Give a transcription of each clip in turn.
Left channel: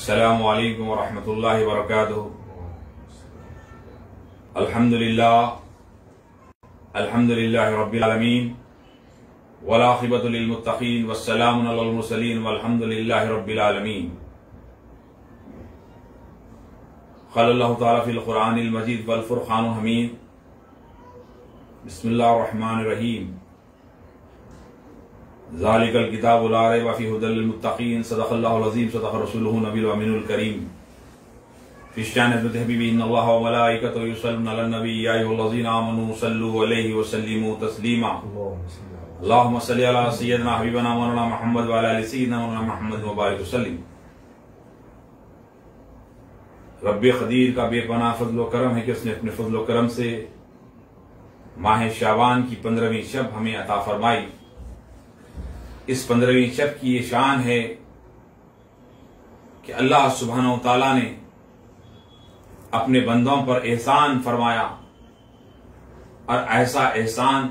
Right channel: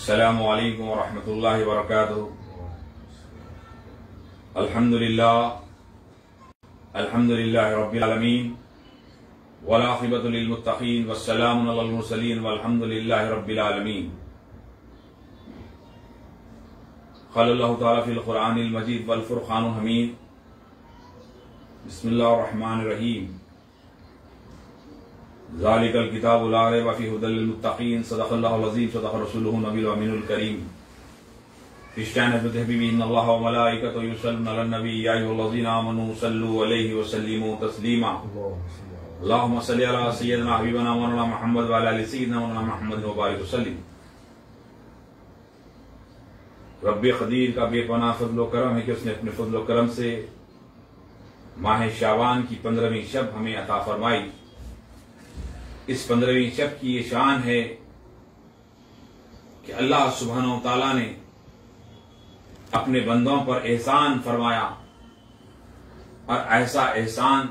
अस्सलामु अलैकुम वरहमतुल्लाहि वबरकातुहू। अल्हम्दुलिल्लाहि रब्बिल आलमीन वल आक़िबतु लिल मुत्तक़ीन वस्सलामु अलल मुरसलीन वल्हम्दुलिल्लाहि रब्बिल आलमीन। क़ालल्लाहु तआला फ़िल क़ुरआनिल मजीद वल फ़ुरक़ानिल हमीद। बिस्मिल्लाहिर रहमानिर रहीम। ज़ालिकल किताबु ला रैब फ़ीहि हुदल लिल मुत्तक़ीन। सदक़ल्लाहुल अज़ीम। सदक़ रसूलुहु नबियुल अमीनुल करीम। फ़िश्शान हबीबी इन्नल्लाह व मलाइकतहु युसल्लूना अलन नबी या अय्युहल्लज़ीना आमनू सल्लू अलैहि व सल्लिमू तस्लीमा। अल्लाहुम्मा सल्लि अला सय्यिदिना हबीबना मौलाना मुहम्मद व अला आलि सय्यिदिना मौलाना मुहम्मद व बारिक वसल्लिम। रब्बे क़दीर का बेपनाह फ़ज़्ल व करम है कि उसने अपने फ़ज़्ल व करम से माह शाबान की 15वीं शब हमें अता फरमाई। इस 15वीं शब की ये शान है कि अल्लाह सुब्हानहू व तआला ने अपने बंदों पर एहसान फरमाया, और ऐसा एहसान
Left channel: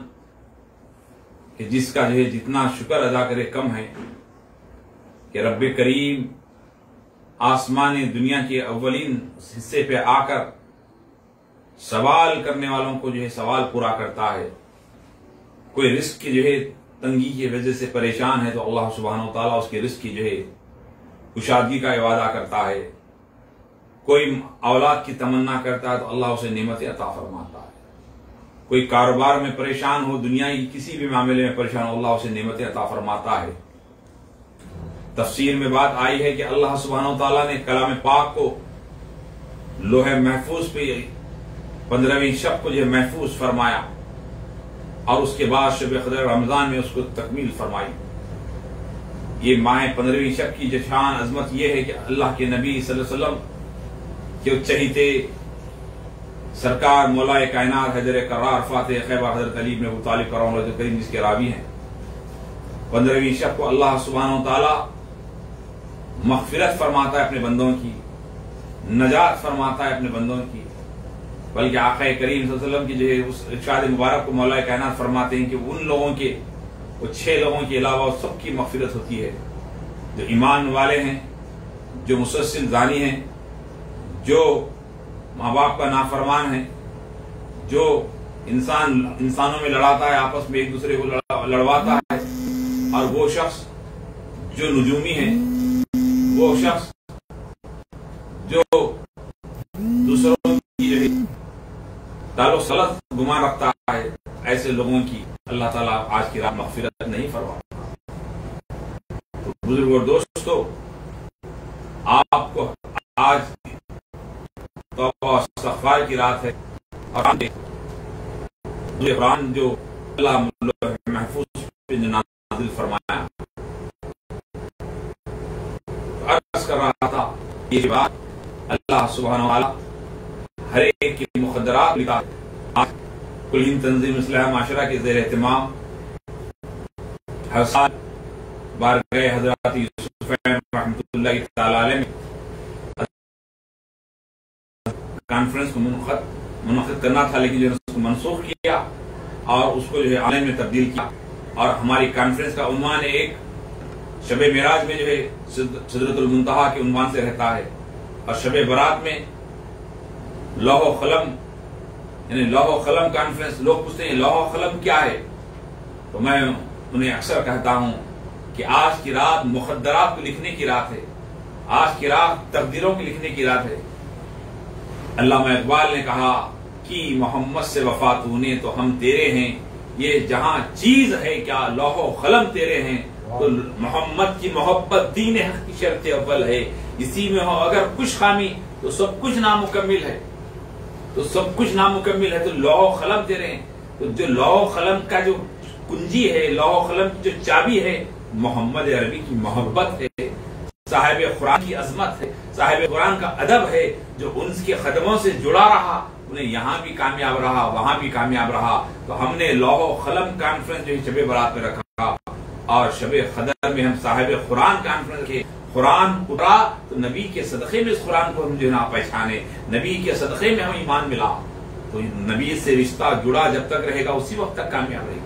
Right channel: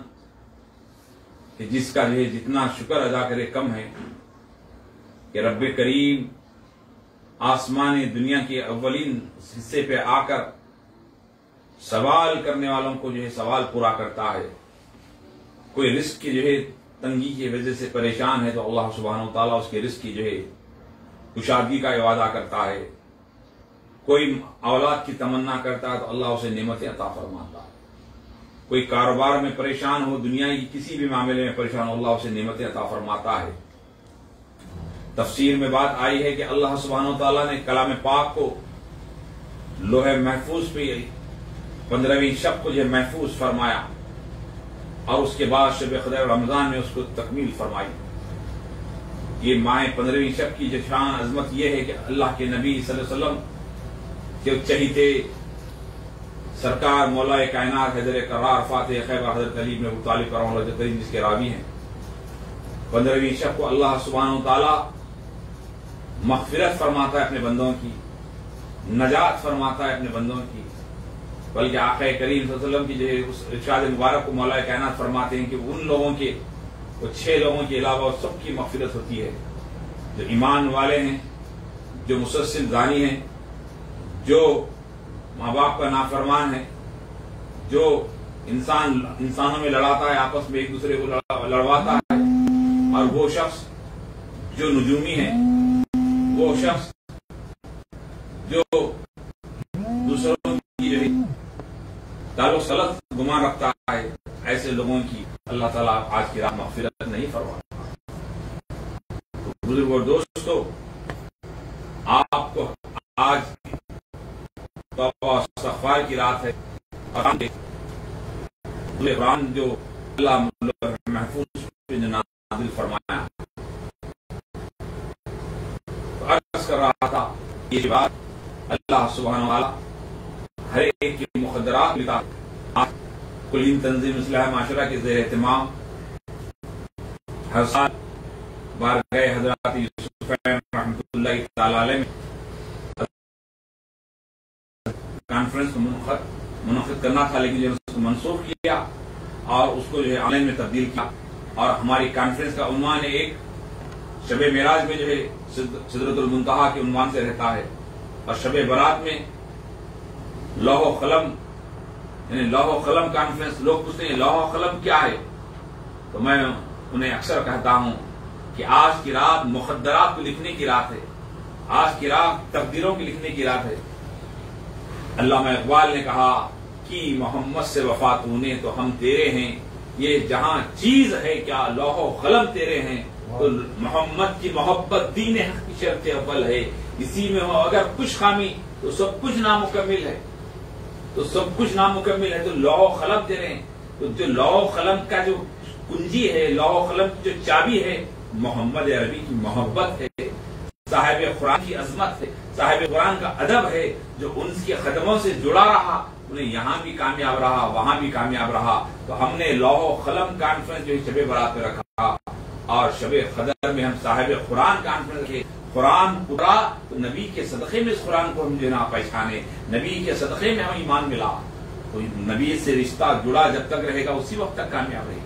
कि जिसका जो है जितना शुक्र अदा करे कम है, कि रब्बे करीम आसमान दुनिया के अव्वलीन हिस्से पे आकर सवाल करने वालों को जो है सवाल पूरा करता है। कोई रिस्क की जो है तंगी की वजह से परेशान है तो अल्लाह सुब्हानहू व तआला उसके रिस्क की जो है कुशादगी का वादा करता है। कोई औलाद की तमन्ना करता है तो अल्लाह उसे नेमतें अता फरमाता है। कोई कारोबार में परेशान हो, दुनिया की किसी भी मामले में परेशान हो, अल्लाह उसे नेमतें अता फरमाता है। तफसीर में बात आई है कि अल्लाह सुब्हानहू व तआला ने कलाम पाक को लोहे महफूज पे 15वीं शब को जो महफूज फरमाया, और उसके बाद शब क़द्र रमजान में उसको तकमील फरमाई। ये माह 15वीं शब की जो शान अजमत यह है कि अल्लाह के नबी सल्लल्लाहु अलैहि वसल्लम के चहीते सरकार मौलाए कायनात हैदर करार फातिह खैबर हज़रत अली इब्न अबू तालिब करम करीम जिसके रावी हैं, 15वीं शब को अल्लाह सुब्हानहू व तआला मग़फ़िरत फरमाता है अपने बंदों की, नजात फरमाता है अपने बंदों की। बल्कि आक़ा करीम सल्लल्लाहु अलैहि वसल्लम की जो है उस इरशाद मुबारक को मौलाए कायनात फरमाते हैं कि उन लोगों के, वो 6 लोगों के अलावा सबकी मग़फ़िरत होती है, जो ईमान वाले हैं, जो मुसलसिल ज़ानी हैं, जो माँ बाप का नाफरमान है, जो इंसानों में लड़ाता है, आपस में एक दूसरे को लड़वाता है, और वो शख्स जो नुजूमी है, वो शख्स जो दूसरों की जो है ताल्लुक़ सलत गुमान रखता है, ऐसे लोगों की अल्लाह ताला आज की रात मग़फ़िरत नहीं फरमाता। तो बुजुर्ग और दोस्तों, आपको आज तौबा इस्तिग़फ़ार की रात है, और कुरान जो अल्लाह महफूज पे नाज़िल फरमाया। तो अर्ज़ कर रहा था ये बात अल्लाह सुब्हानहू व तआला हर एक की मुक़द्दरात लिखा है। कुल हिंद तंज़ीम इस्लाह माशरा के ज़ेर एहतिमाम हर साल बारगाह हज़रत यूसुफ़ रहमतुल्लाहि तआला अलैह में कॉन्फ्रेंस को मुनक़िद करना था, लेकिन जो उसको मनसूख किया और उसको जो है ऑनलाइन में तब्दील किया। और हमारी कॉन्फ्रेंस का उन्वान एक शब मेराज में जो है सिदरतुल मुंतहा के उन्वान से रहता है, और शब बरात में लौह क़लम यानी लौह क़लम कॉन्फ्रेंस। लोग पूछते हैं लौह क़लम क्या है, तो मैं उन्हें अक्सर कहता हूं कि आज की रात मुक़द्दरात को लिखने की रात है, आज की रात तकदीरों की लिखने की रात है। अल्लामा इक़बाल ने कहा कि मोहम्मद से वफा तूने तो हम तेरे हैं, ये जहां चीज है क्या लौह क़लम तेरे हैं, तो मोहम्मद की मोहब्बत दीन हक़ की शर्त अव्वल है। इसी में हो अगर कुछ खामी तो सब कुछ नामुकम्मिल है, तो सब कुछ नामुकम्मिल है। तो लौह क़लम तेरे हैं, तो जो लौह क़लम का जो कुंजी है, लौह क़लम की जो चाबी है, मोहम्मद अरबी की मोहब्बत है, साहिब कुरान की अजमत है, साहिब कुरान का अदब है, जो उनके कदमों से जुड़ा रहा, उन्हें यहां भी कामयाब रहा, वहां भी कामयाब रहा। तो हमने लौह क़लम कॉन्फ्रेंस जो है शब बरात में रखा, और शब क़द्र में हम साहिब कुरान कॉन्फ्रेंस के कुरान उतरा, तो नबी के सदक़े में इस कुरान को हम जो है ना पहचाने, नबी के सदक़े में हमें ईमान मिला। तो नबी से रिश्ता जुड़ा जब तक रहेगा उसी वक्त तक कामयाब रहेगी।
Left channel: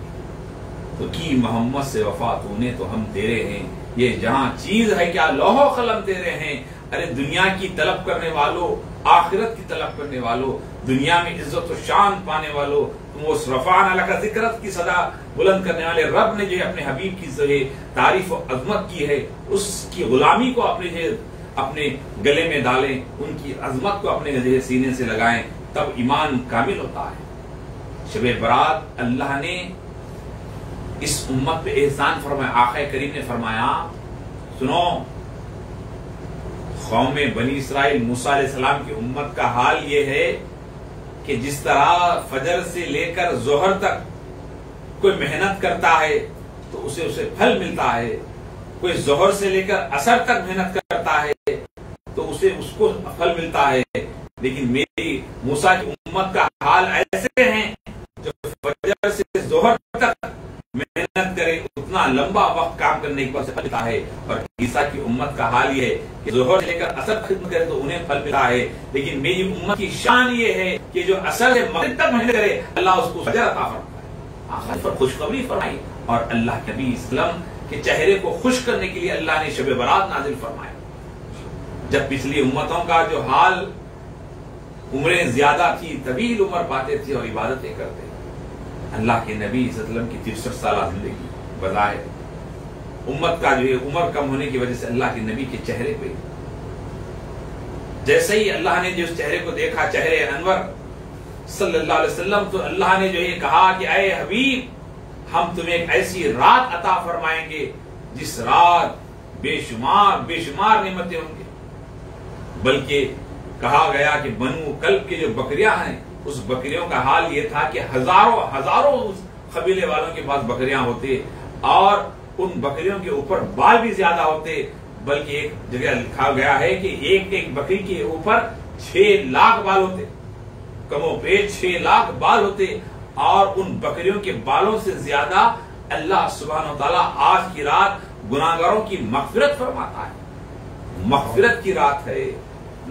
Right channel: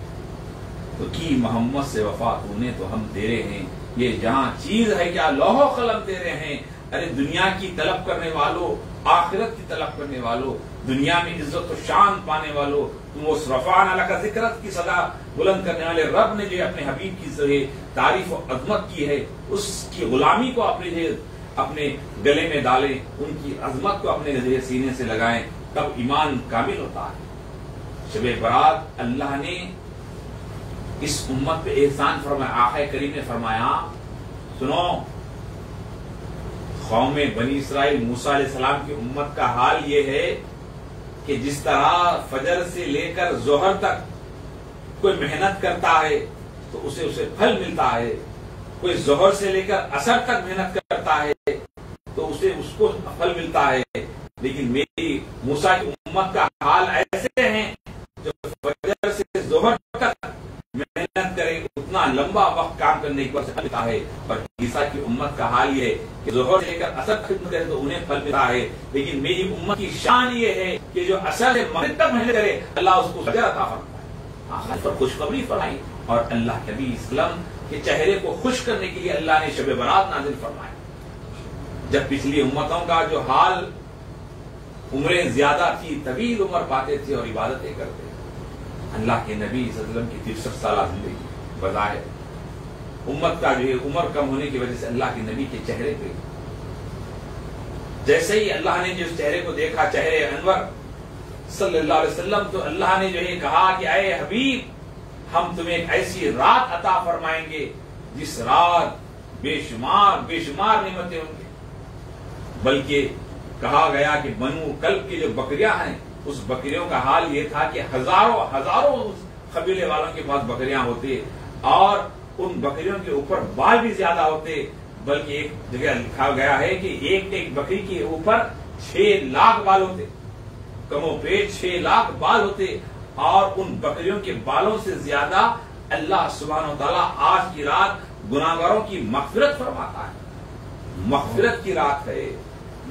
तो की मोहम्मद से वफा तूने तो हम तेरे हैं, ये जहां चीज है क्या लौहो कलम तेरे हैं। अरे दुनिया की तलब करने वालों, आखिरत की तलब करने वालों, दुनिया में इज्जत और शान पाने वालों, तुम वो रफ़ाअना लका ज़िक्रक की सदा बुलंद करने वाले रब ने जो है अपने हबीब की जो है तारीफ और अजमत की है, उसकी गुलामी को अपने गले में डालें, उनकी अजमत को अपने सीने से लगाएं, तब ईमान कामिल होता है। शब बरात अल्लाह ने इस उम्मत पे एहसान फरमाया। आक़ा करीम ने फरमाया, सुनो कौम बनी इसराइल मूसा अलैहिस्सलाम की उम्मत का हाल ये है कि जिस तरह फजर से लेकर जोहर तक कोई मेहनत करता है तो उसे फल मिलता है, कोई जोहर से लेकर असर तक मेहनत करता है तो उसको फल मिलता है, लेकिन मेरी मूसा की उम्मत का हाल ऐसे है जो फजर से जोहर तक मेहनत करे उतना लंबा वक्त काम करने के बाद फल मिलता है। और ईसा की उम्मत का हाल ये है कि जोहर से लेकर असर खत्म करे तो उन्हें फल मिलता है, लेकिन मेरी उम्मत की शान ये है कि जो असर से मगरिब तक मेहनत करे अल्लाह उसको फजर अता फरमाता है। पर खुशखबरी फरमाई और अल्लाह के नबी इस्लाम के चेहरे को खुश करने के लिए अल्लाह ने शब बरात नाजिल फरमाया। जब पिछली उम्मतों का जो हाल उम्रें ज्यादा थी, तवील उम्र पाते थे और इबादतें करते थे, अल्लाह के नबी सल्लल्लाहु अलैहि वसल्लम की 63 साल जिंदगी बज़ाहिर उम्मत का जो है उम्र कम होने की वजह से अल्लाह के नबी के चेहरे पे जैसे ही अल्लाह ने जिस चेहरे को देखा, चेहरे अनवर सल्लल्लाहु अलैहि वसल्लम, तो अल्लाह ने जो ये कहा कि ऐ हबीब, हम तुम्हें एक ऐसी रात अता फरमाएंगे जिस रात बेशुमार नेमतें होंगी। बल्कि कहा गया कि बनु कल्ब की जो बकरियां हैं उस बकरियों का हाल ये था कि हजारों उस कबीले वालों के पास बकरियां होते और उन बकरियों के ऊपर बाल भी ज्यादा होते। बल्कि एक जगह लिखा गया है कि एक बकरी के ऊपर 6 लाख बाल होते, कमोपेश 6 लाख बाल होते। और उन बकरियों के बालों से ज्यादा अल्लाह सुब्हानहू व तआला आज की रात गुनाहगारों की मग़फ़िरत फरमाता है। मग़फ़िरत की रात है,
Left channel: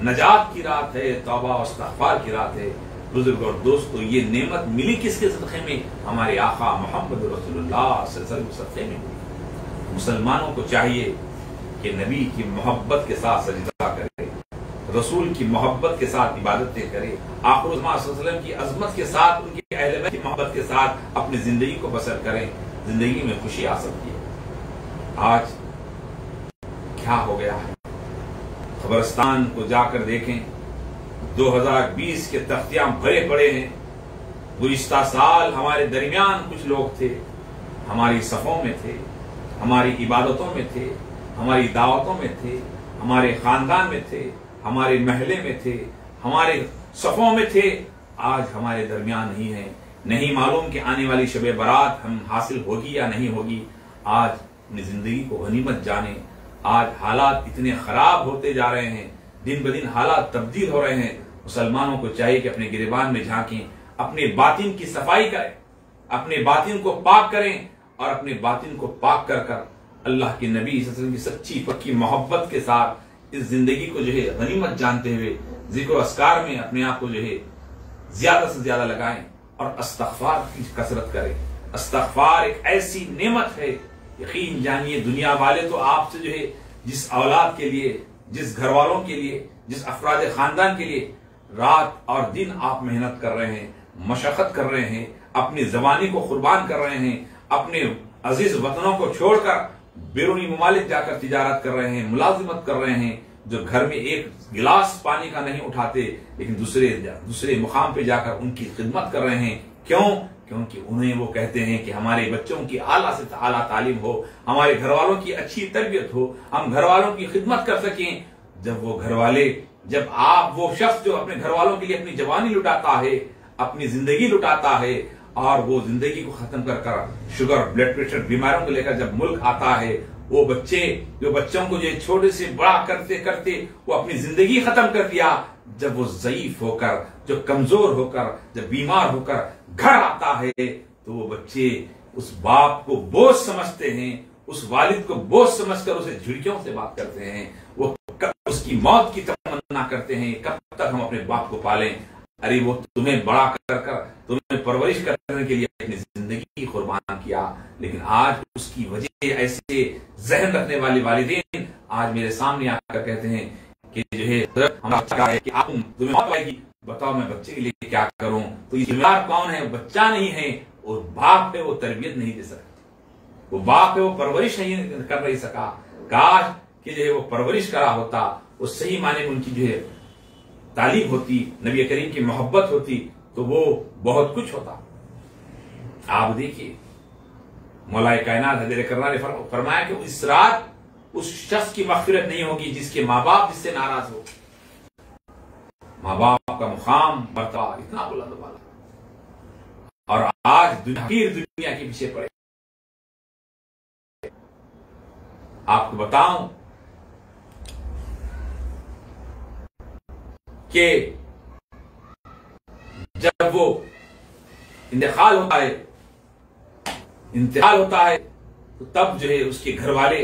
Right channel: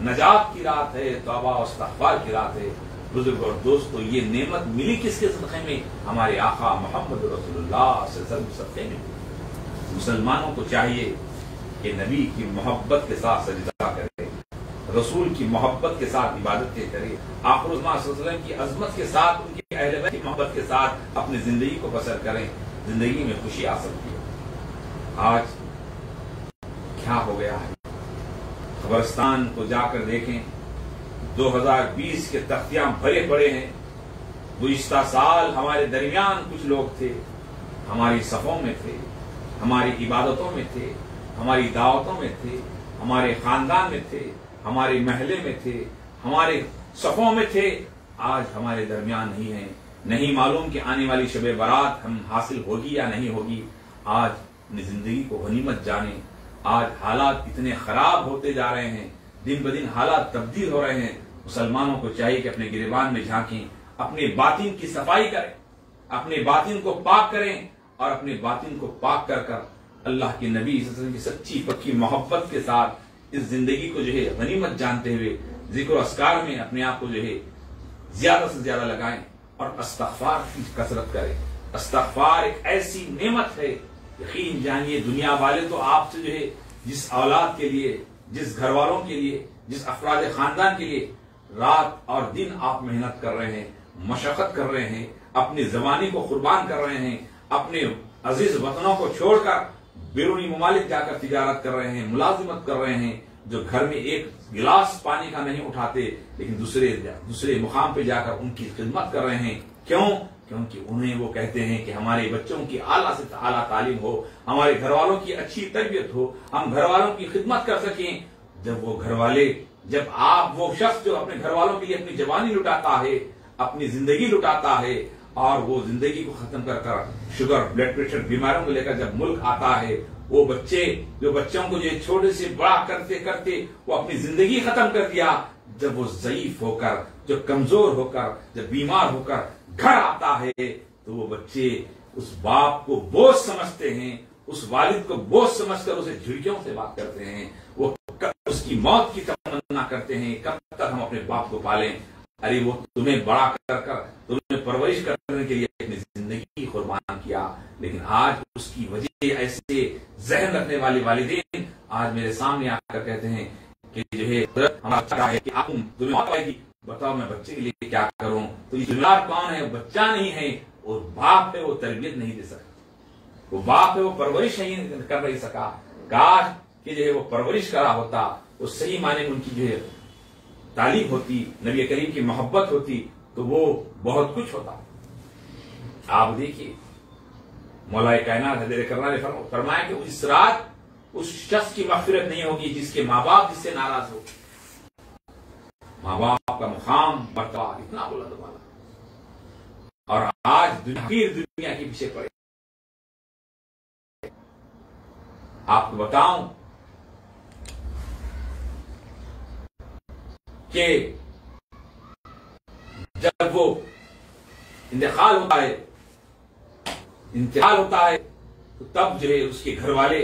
नजात की रात है, तौबा और इस्तिग़फ़ार की रात है। बुजुर्ग और दोस्तों, ये नेमत मिली किसके सदक़े में? हमारे आका मोहम्मद रसूलुल्लाह सल्लल्लाहु अलैहि वसल्लम के सदक़े में मिली। मुसलमानों को चाहिए कि नबी की मोहब्बत के साथ सजदा करे, रसूल की मोहब्बत के साथ इबादतें करे, आखिर सल्लल्लाहु अलैहि वसल्लम की अजमत के साथ, उनके अहले बैत की मोहब्बत के साथ अपनी जिंदगी को बसर करें। जिंदगी में खुशी आ सकती है। आज क्या हो गया है? कब्रिस्तान को जाकर देखें, 2020 के तख्तियां भरे पड़े हैं। गुज़िश्ता साल हमारे दरमियान कुछ लोग थे, हमारी सफों में थे, हमारी इबादतों में थे, हमारी दावतों में थे, हमारे खानदान में थे, हमारे महल्ले में थे, हमारे सफों में थे। आज हमारे दरमियान नहीं है। नहीं मालूम कि आने वाली शब बरात हम हासिल होगी या नहीं होगी। आज अपनी जिंदगी को गनीमत जाने। आज हालात इतने खराब होते जा रहे हैं, दिन ब दिन हालात तब्दील हो रहे हैं। मुसलमानों को चाहिए कि अपने गिरेबान में झांकें, अपने बातिन की सफाई करें, अपने बातिन को पाक करें और अपने बातिन को पाक कर कर अल्लाह के नबी सल्लल्लाहु अलैहि वसल्लम की सच्ची पक्की मोहब्बत के साथ इस जिंदगी को जो है गनीमत जानते हुए जिक्र अस्कार में अपने आप को जो है ज्यादा से ज्यादा लगाएं और इस्तिग़फ़ार की कसरत करें। इस्तिग़फ़ार एक ऐसी नेमत है, यकीन जानिए दुनिया वाले तो आपसे जो है जिस औलाद के लिए, जिस घर वालों के लिए, जिस अफराद खानदान के लिए रात और दिन आप मेहनत कर रहे हैं, मशक्कत कर रहे हैं, अपनी जवानी को कुर्बान कर रहे हैं, अपने अजीज वतनों को छोड़कर बैरूनी ममालिक जाकर तिजारत कर रहे हैं, मुलाजिमत कर रहे हैं, जो घर में एक गिलास पानी का नहीं उठाते लेकिन दूसरे मुकाम पे जाकर उनकी खिदमत कर रहे हैं। क्यों? क्योंकि उन्हें वो कहते हैं कि हमारे बच्चों की आला से आला तालीम हो, हमारे घर वालों की अच्छी तरबियत हो, हम घर वालों की खिदमत कर सकें। जब आप वो शख्स जो अपने घर वालों के लिए अपनी जवानी लुटाता है, अपनी जिंदगी लुटाता है और वो जिंदगी को खत्म कर शुगर ब्लड प्रेशर बीमारियों को लेकर जब मुल्क आता है, वो बच्चों को जो छोटे से बड़ा करते करते वो अपनी जिंदगी खत्म कर दिया। जब वो ज़ईफ होकर, जो कमजोर होकर, जब बीमार होकर घर आता है तो वो बच्चे उस बाप को बोझ समझते हैं, उस वालिद को बोझ समझकर उसे झिड़कियों से बात करते हैं। वो कब उसकी मौत की तमन्ना करते हैं, कब तक हम अपने बाप को पालें। अरे वो तुम्हें बड़ा कर तुम्हें परवरिश करने के लिए अपनी जिंदगी कुर्बान किया, लेकिन आज उसकी वजह ऐसे जहन रखने वाले वालिदैन आज मेरे सामने आकर कहते हैं कि जो है हमारा है कि आप तुम्हें मौत आएगी, बताओ मैं बच्चे के लिए क्या करूं। तो ये जिम्मेदार कौन है? बच्चा नहीं है, वो बाप है, वो तरबियत नहीं दे सका, वो बाप है, वो परवरिश नहीं कर नहीं सका। काश कि जो है वो परवरिश करा होता, वो सही माने में उनकी जो है तालीम होती, नबी करीम की मोहब्बत होती, तो वो बहुत कुछ होता। आप देखिए मौलाए कायनात हज़रत करना ने फरमाया कि इस रात उस शख्स की मग़फ़िरत नहीं होगी जिसके माँ बाप जिससे नाराज हो। माँ बाप का मुकाम बर्ता इतना बुलंद वाला, और आज दुनिया के पीछे पड़े। आपको बताऊं कि जब वो इंतकाल होता है तो तब जो है उसके घर वाले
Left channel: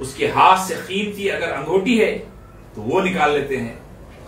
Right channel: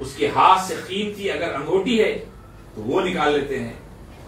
उसके हाथ से कीमती अगर अंगूठी है तो वो निकाल लेते हैं,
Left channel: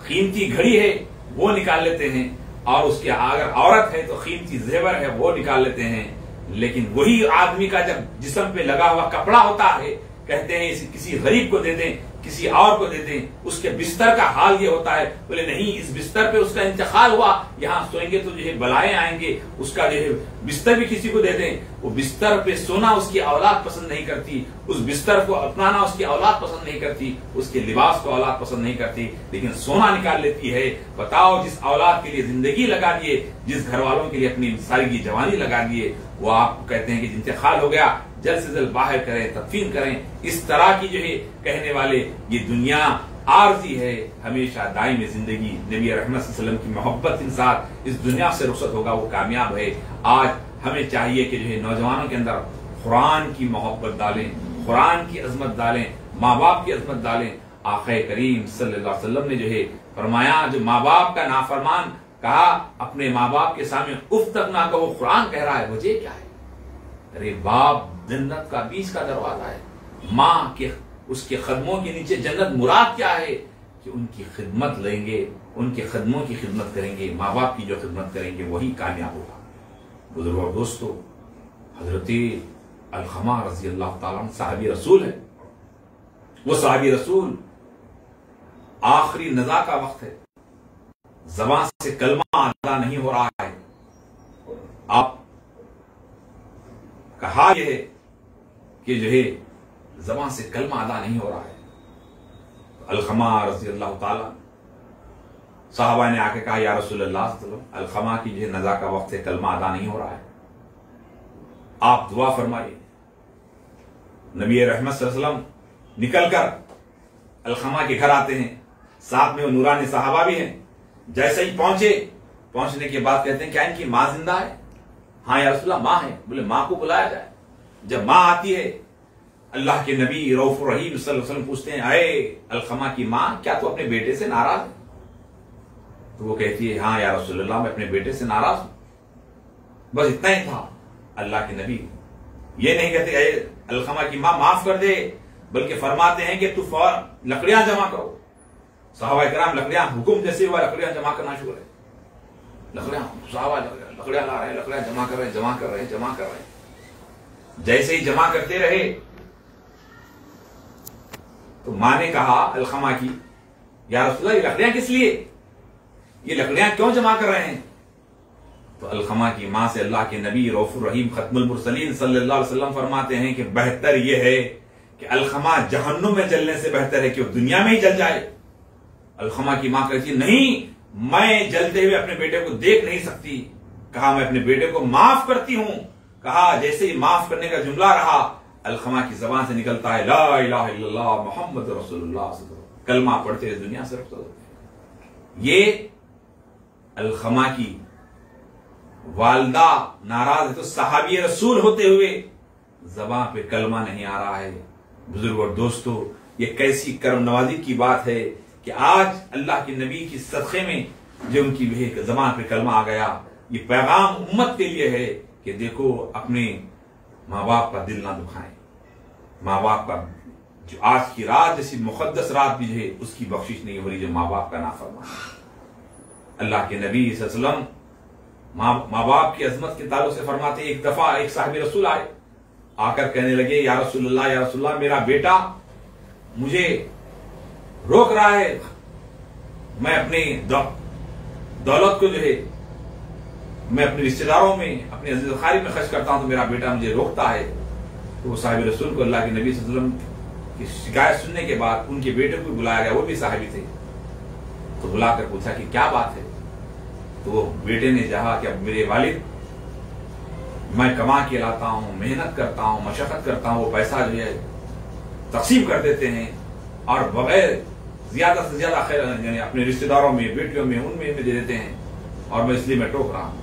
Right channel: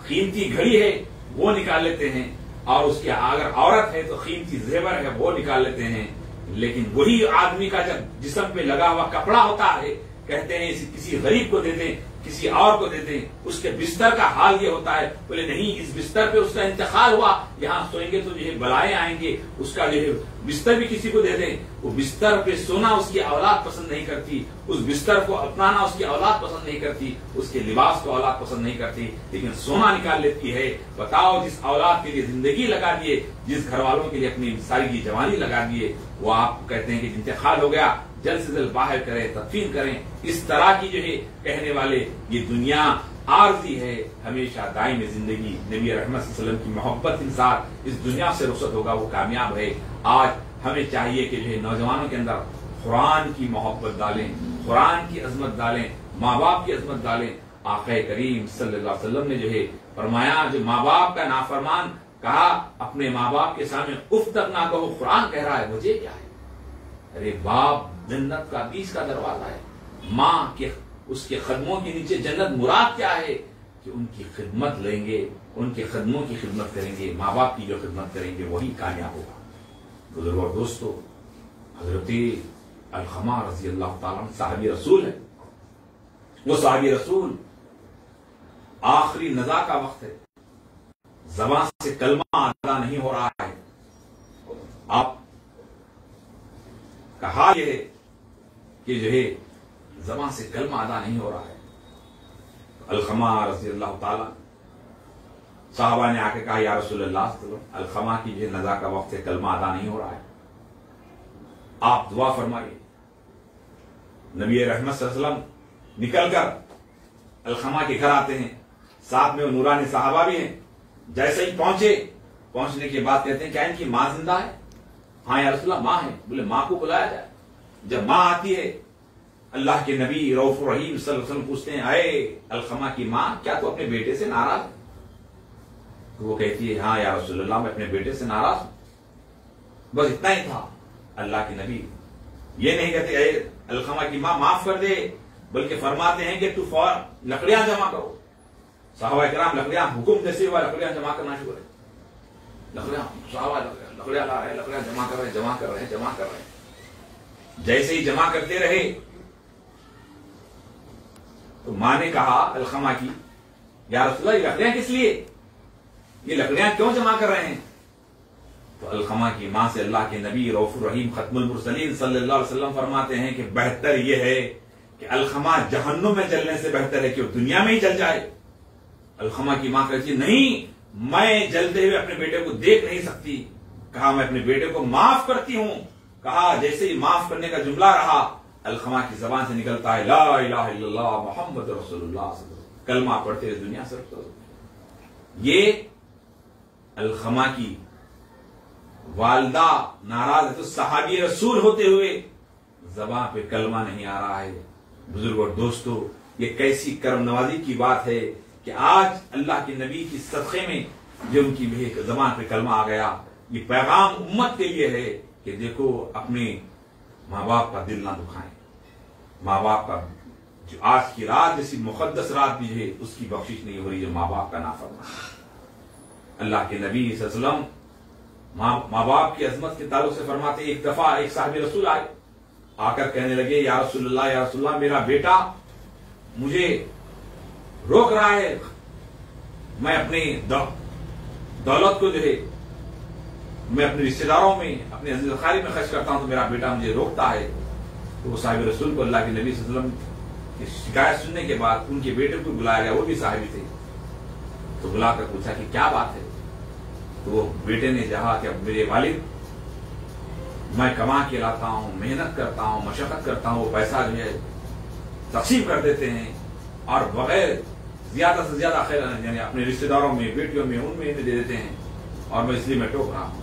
कीमती घड़ी है वो निकाल लेते हैं, और उसके अगर औरत है तो कीमती जेवर है वो निकाल लेते हैं। लेकिन वही आदमी का जब जिस्म पे लगा हुआ कपड़ा होता है, कहते हैं इसे किसी गरीब को दे दें, किसी और को दे दें। उसके बिस्तर का हाल ये होता है, बोले नहीं इस बिस्तर पे उसका इंतकाल हुआ, यहां सोएंगे तो जो है बलाएं आएंगे, उसका जो है बिस्तर भी किसी को दे दें। वो बिस्तर पे सोना उसकी औलाद पसंद नहीं करती, उस बिस्तर को अपनाना उसकी औलाद पसंद नहीं करती, उसके लिबास को औलाद पसंद नहीं करती, लेकिन सोना निकाल लेती है। बताओ जिस औलाद के लिए जिंदगी लगा दिए, जिस घर वालों के लिए अपनी सारी की जवानी लगा दिए, वो आपको कहते हैं कि इंतकाल हो गया, जल्द से जल्द बाहर करें, तदफीन करें। इस तरह की जो है कहने वाले ये दुनिया आरजी है, हमेशा दायमी जिंदगी। नबी रहमत सल्लल्लाहु अलैहि वसल्लम की मोहब्बत इंसान इस दुनिया से रुखसत होगा, वो कामयाब है। आज हमें चाहिए कि जो है नौजवानों के अंदर कुरान की मोहब्बत डालें, कुरान की अजमत डालें, माँ बाप की अजमत डालें। आक़ा करीम सल्लल्लाहु अलैहि वसल्लम ने जो है फरमाया, जो माँ बाप का नाफरमान कहा अपने माँ बाप के सामने उफ तक ना कहो, कुरान कह रहा है, वजह क्या है? अरे बाप जन्नत का बीच का दरवाजा है, माँ के उसके कदमों के नीचे जन्नत। मुराद क्या है? कि उनकी खिदमत लेंगे, उनके कदमों की खिदमत करेंगे, माँ बाप की जो खिदमत करेंगे वही कामयाब होगा। बुजुर्गों और दोस्तों, हजरत अलखमा रज़ी अल्लाह ताला अन्हु साहबी रसूल है। वो साहबी रसूल आखिरी नज़ा का वक्त है, ज़बान से कलमा अदा नहीं हो रहा है। आप कहा यह है कि जो है ज़बान से कलमा अदा नहीं हो रहा है। अलखमा रज़ी अल्लाह ताला साहबा ने आके कहा, या रसूलल्लाह अलखमा की जो नज़ा का वक्त है, कलमा अदा नहीं हो रहा है, आप दुआ फरमाइए। नबी रहमत सल्लल्लाहु अलैहि वसल्लम निकलकर अलखमा के घर आते हैं, साथ में वो नूरानी साहबा भी हैं। जैसे ही पहुंचने के बाद कहते हैं, क्या इनकी मां जिंदा है? हाँ या रसूलल्लाह मां है। बोले मां को बुलाया जाए। जब मां आती है, अल्लाह के नबी रऊफ रहीम सल्लल्लाहु अलैहि वसल्लम पूछते हैं, अये अलखमा की मां, क्या तू अपने बेटे से नाराज है? तो वो कहती है, हाँ या रसूलल्लाह मैं अपने बेटे से नाराज हूं। बस इतना ही था। अल्लाह के नबी ये नहीं कहते अये अलखमा की मां माफ कर दे, बल्कि फरमाते हैं कि तू फौरन लकड़ियां जमा करो। सहाबा किराम लकड़ियां हुक्म जैसे हुआ लकड़ियां जमा करना शुरू है। लकड़ियां सहाबा लकड़ियां ला रहे हैं, लकड़ियां जमा कर रहे हैं। जैसे ही जमा करते रहे तो मां ने कहा अलखमा की, या रसूलल्लाह ये लकड़ियां किस लिए, ये लकड़ियां क्यों जमा कर रहे हैं? तो अलखमा की मां से अल्लाह के नबी रऊफुर रहीम खत्मुल मुरसलीन सल्लल्लाहु अलैहि वसल्लम फरमाते हैं कि बेहतर यह है कि अलखमा जहन्नुम में जलने से बेहतर है कि वो दुनिया में ही जल जाए। अलखमा की मां कहती है, नहीं मैं जलते हुए अपने बेटे को देख नहीं सकती। कहा मैं अपने बेटे को माफ करती हूं। कहा जैसे ही माफ करने का जुमला रहा, अलखमा की जबान से निकलता है, ला इलाहा इल्लल्लाह मोहम्मद रसूलुल्लाह, कलमा पढ़ते हुए दुनिया से रफ्त हो। ये अलखमा की वालदा नाराज है, तो सहाबी रसूल होते हुए जबान पे कलमा नहीं आ रहा है। बुजुर्ग और दोस्तों, ये कैसी कर्म नवाजी की बात है कि आज अल्लाह के नबी की सदक़े में जो उनकी जबान पे कलमा आ गया। ये पैगाम उम्मत के लिए है कि देखो अपने माँ बाप का दिल ना दुखाएं। माँ बाप का जो आज की रात जैसी मुकद्दस रात भी है, उसकी बख्शिश नहीं हो रही जो माँ बाप का नाफरमान है। अल्लाह के नबी सल्लल्लाहु अलैहि वसल्लम माँ बाप की अजमत के ताल्लुक से फरमाते, एक दफा एक साहिब रसूल आए, आकर कहने लगे, या रसूलुल्लाह, या रसूलुल्लाह, मेरा बेटा मुझे रोक रहा है, मैं अपनी दौलत को जो है मैं अपने रिश्तेदारों में, अपने अजीज खारी में खर्च करता हूं, तो मेरा बेटा मुझे रोकता है। तो वो साहिब रसूल को अल्लाह के नबी सल्लल्लाहु अलैहि वसल्लम की शिकायत सुनने के बाद उनके बेटे को बुलाया गया, वो भी साहिबी थे। तो बुलाकर पूछा कि क्या बात है। तो वो बेटे ने कहा कि अब मेरे वालिद, मैं कमा के लाता हूं, मेहनत करता हूं, मशक्कत करता हूं, वो पैसा जो है तकसीम कर देते हैं और बगैर ज्यादा से ज्यादा खैर यानी अपने रिश्तेदारों में, बेटियों में, उनमें दे देते हैं, और मैं इसलिए मैं टोक रहा हूं।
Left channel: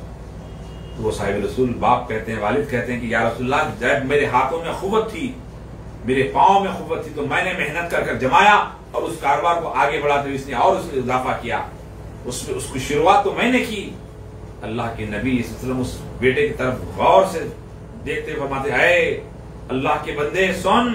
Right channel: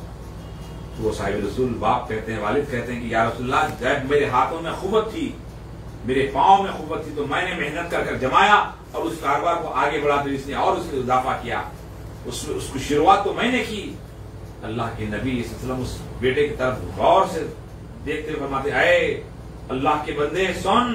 तो वो साहिब रसूल बाप कहते हैं, वालिद कहते हैं कि या रसूलल्लाह, जब मेरे हाथों में खुवत थी, मेरे पांव में खुवत थी, तो मैंने मेहनत कर जमाया और उस कारोबार को आगे बढ़ाते हुए इसने और उसमें इजाफा किया, उसमें उसकी शुरुआत तो मैंने की। अल्लाह के नबी सल्लल्लाहु अलैहि वसल्लम उस बेटे की तरफ गौर से देखते हुए फरमाते, अरे अल्लाह के बंदे सुन,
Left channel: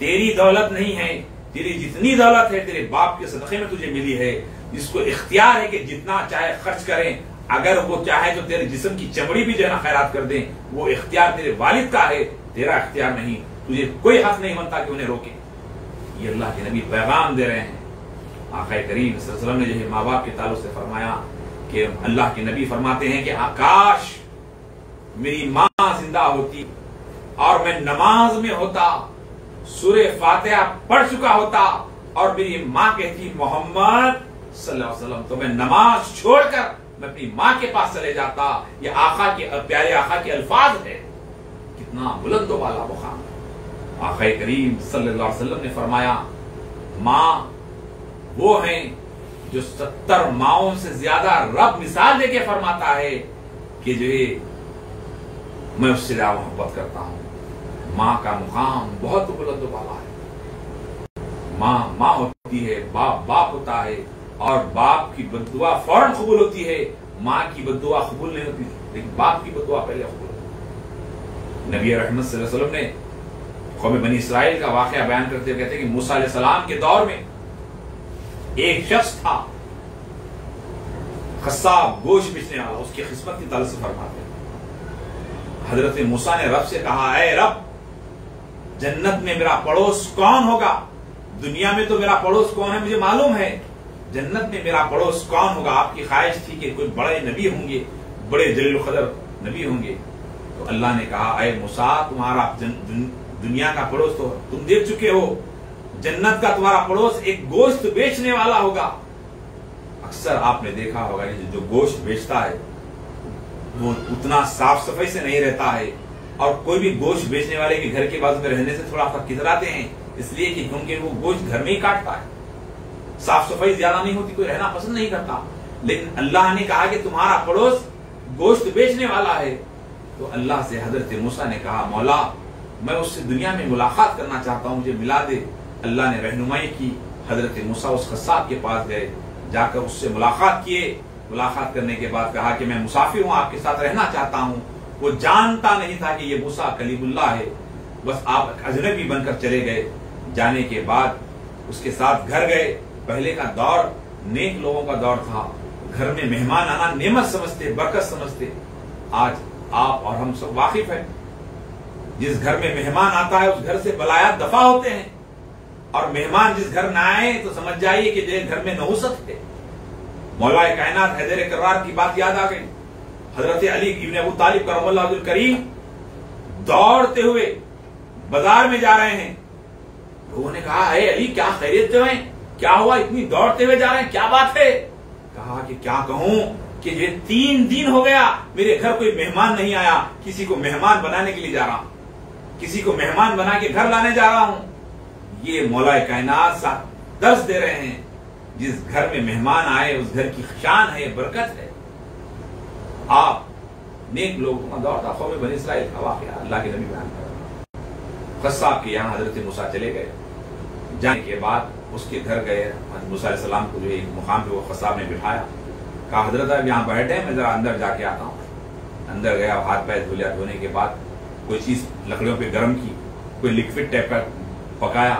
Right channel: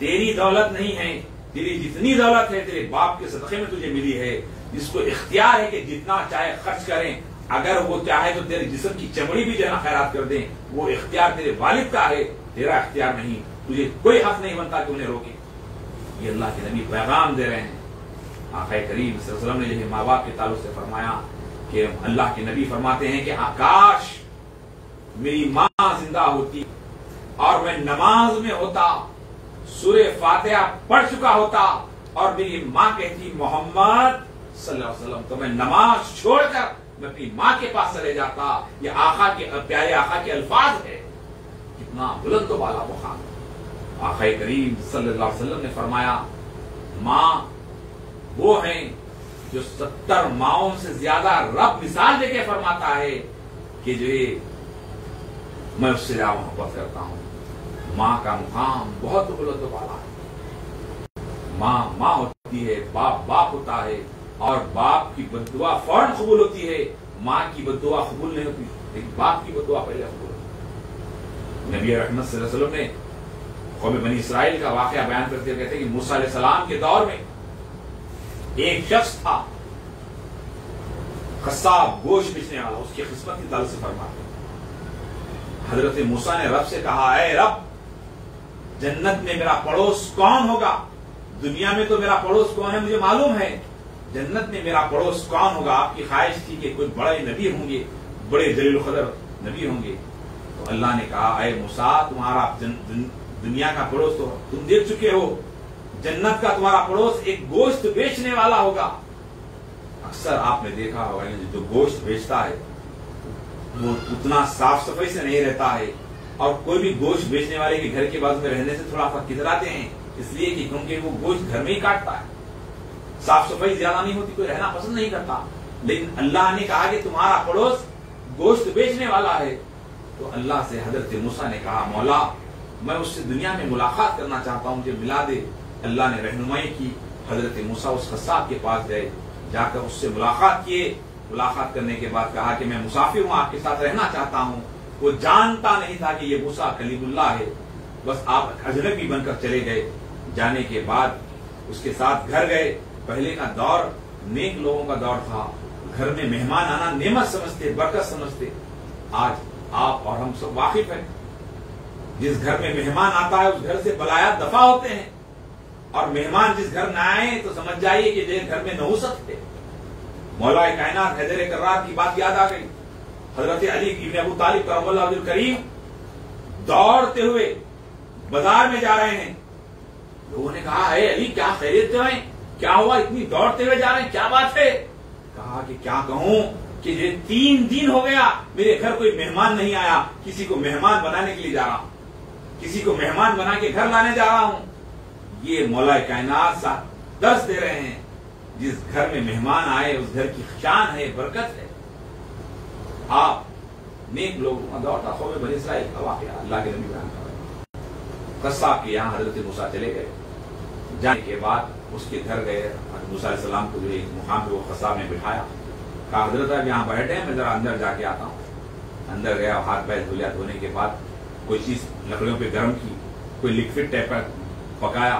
तेरी दौलत नहीं है, तेरी जितनी दौलत है तेरे बाप के सदक़े में तुझे मिली है, जिसको इख्तियार है कि जितना चाहे खर्च करें, अगर वो चाहे तो तेरे जिस्म की चमड़ी भी जो है ना खैरात कर दें, वो इख्तियार तेरे वालिद का है, तेरा इख्तियार नहीं, तुझे कोई हक नहीं बनता कि उन्हें रोके। ये अल्लाह के नबी पैगाम दे रहे हैं। आक़ा करीम सल्लल्लाहु अलैहि वसल्लम ने जो है माँ बाप के ताल्लुक से फरमाया कि अल्लाह के नबी फरमाते हैं कि आकाश मेरी माँ जिंदा होती और मैं नमाज में होता, सूरे फातिहा पढ़ चुका होता, और मेरी माँ कहती मोहम्मद सल्लल्लाहु अलैहि वसल्लम, तो मैं नमाज छोड़कर मैं अपनी माँ के पास चले जाता। ये आका के प्यारे आका के अल्फाज है, कितना बुलंद वाला मुकाम। आका करीम सल्लल्लाहु अलैहि वसल्लम ने फरमाया, माँ वो हैं जो 70 माओं से ज्यादा रब मिसाल देके फरमाता है कि जो ये मैं उससे ज्यादा मोहब्बत करता हूं। माँ का मुकाम बहुत बुलंद वाला है। माँ माँ होती है, बाप बाप होता है, और बाप की बद्दुआ फौरन कबूल होती है, माँ की बद्दुआ कबूल नहीं होती, लेकिन बाप की बद्दुआ पहले कबूल होती है। नबी रहमत सल्लल्लाहु अलैहि वसल्लम ने कौम बनी इसराइल का वाकया बयान करते हुए कहते हैं कि मूसा अलैहिस्सलाम के दौर में एक शख्स था, कस्साब, गोश्त बेचने वाला, उसकी किस्मत की ताल्लुक से फरमाते हैं, हजरत मूसा ने रब से कहा, ऐ रब, जन्नत में मेरा पड़ोस कौन होगा? दुनिया में तो मेरा पड़ोस कौन है मुझे मालूम है, जन्नत में मेरा पड़ोस कौन होगा? आपकी ख्वाहिश थी कि कोई बड़े नबी होंगे, बड़े जलील कदर नबी होंगे। तो अल्लाह ने कहा, ऐ मूसा, तुम्हारा दुनिया का पड़ोस तो तुम देख चुके हो, जन्नत का तुम्हारा पड़ोस एक गोश्त बेचने वाला होगा। अक्सर आपने देखा होगा जो गोश्त बेचता है वो उतना साफ सफाई से नहीं रहता है, और कोई भी गोश्त बेचने वाले के घर के बाजू में रहने से थोड़ा सा कितराते हैं, इसलिए कि क्योंकि वो गोश्त घर में ही काटता है, साफ सफाई ज्यादा नहीं होती, कोई रहना पसंद नहीं करता। लेकिन अल्लाह ने कहा कि तुम्हारा पड़ोस गोश्त बेचने वाला है। तो अल्लाह से हजरत मूसा ने कहा, मौला, मैं उससे दुनिया में मुलाकात करना चाहता हूं, मुझे मिला दे। अल्लाह ने रहनुमाई की, हजरत मूसा उस कस्साब के पास गए, जाकर उससे मुलाकात किए। मुलाकात करने के बाद कहा कि मैं मुसाफिर हूं, आपके साथ रहना चाहता हूं। वो जानता नहीं था कि ये मूसा कलीमुल्लाह है, बस आप अजनबी बनकर चले गए। जाने के बाद उसके साथ घर गए। पहले का दौर नेक लोगों का दौर था, घर में मेहमान आना नेमत समझते, बरकत समझते। आज आप और हम सब वाकिफ हैं, जिस घर में मेहमान आता है उस घर से बलायात दफा होते हैं, और मेहमान जिस घर न आए तो समझ जाइए कि घर में नहुसत है। मौलाए कायनात हैदर कर्रार की बात याद आ गई। हजरत अली इब्न अबू तालिब करमल्लाहु वजहुल करीम दौड़ते हुए बाजार में जा रहे हैं। लोगों ने कहा, अरे अली, क्या खैरियत है, क्या हुआ, इतनी दौड़ते हुए जा रहे हैं, क्या बात है? कहा कि क्या कहूं कि ये 3 दिन हो गया मेरे घर कोई मेहमान नहीं आया, किसी को मेहमान बनाने के लिए जा रहा हूं, किसी को मेहमान बना के घर लाने जा रहा हूं। ये मौलाए कायनात दर्श दे रहे हैं, जिस घर में मेहमान आए उस घर की शान है, बरकत है। आप नेक लोगों का दौर था, कौम बनी इसराइल का वाकया अल्लाह के नबी बयान कर रहे हैं। कस्साब के यहाँ हजरत मूसा चले गए। जाने के बाद उसके घर गए, मूसा अलैहिस्सलाम को जो एक मुकाम पे वो कस्साब ने बिठाया, कहा, हजरत अब यहाँ बैठे, मैं जरा अंदर जाके आता हूँ। अंदर गया, हाथ पैर धुलिया, धोने के बाद कोई चीज लकड़ियों पे गर्म की, कोई लिक्विड टाइप का पकाया,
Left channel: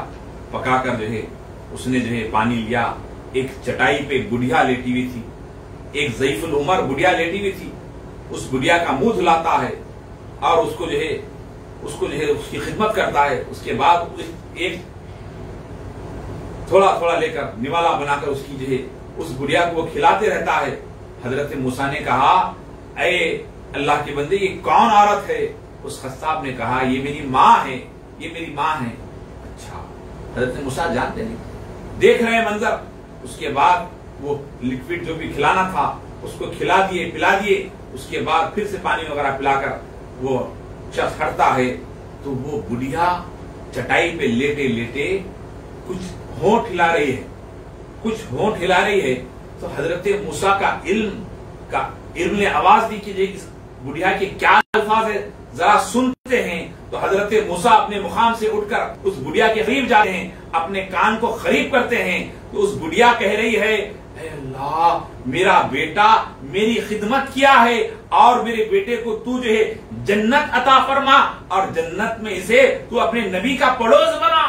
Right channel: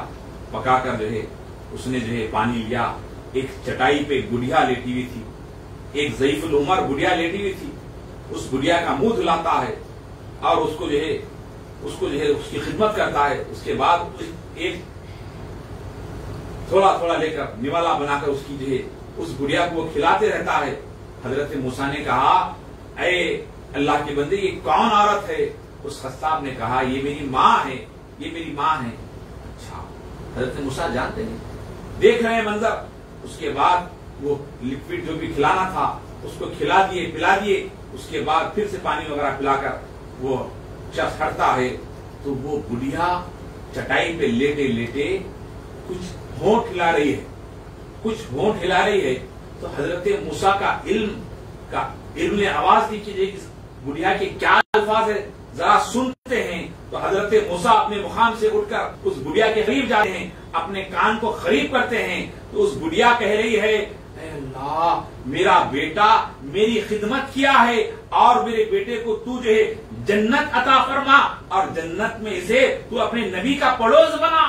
पकाकर जो है उसने जो है पानी लिया। एक चटाई पे गुड़िया लेटी हुई थी, एक ज़ईफुल उमर गुड़िया लेटी हुई थी। उस बुढ़िया का मुंह धुलाता है और उसको जो है उसकी खिदमत करता है। उसके बाद एक थोड़ा थोड़ा लेकर निवाला बनाकर उसकी जो है उस बुढ़िया को वो खिलाते रहता है। हजरत मूसा ने कहा, अरे अल्लाह के बंदे, ये कौन औरत है? उस खस्साब ने कहा, ये मेरी माँ है, ये मेरी माँ है। अच्छा, हजरत मूसा जानते नहीं, देख रहे हैं मंजर। उसके बाद वो लिक्विड जो भी खिलाना था उसको खिला दिए, पिला दिए। उसके बाद फिर से पानी वगैरह पिलाकर वो शख्स हटता है तो वो बुढ़िया चटाई पे लेटे लेटे कुछ होंठ हिला रही है, कुछ होंठ हिला रही है। तो हजरत मूसा का इल्म ने आवाज दी कि इस बुढ़िया के क्या अल्फाज है, जरा सुनते हैं। तो हजरत मूसा अपने मुकाम से उठकर उस बुढ़िया के करीब जाते हैं, अपने कान को करीब करते हैं। तो उस बुढ़िया कह रही है, अल्लाह, मेरा बेटा मेरी खिदमत किया है और मेरे बेटे को तू जो है जन्नत अता फरमा और जन्नत में इसे तू अपने नबी का पड़ोस बना,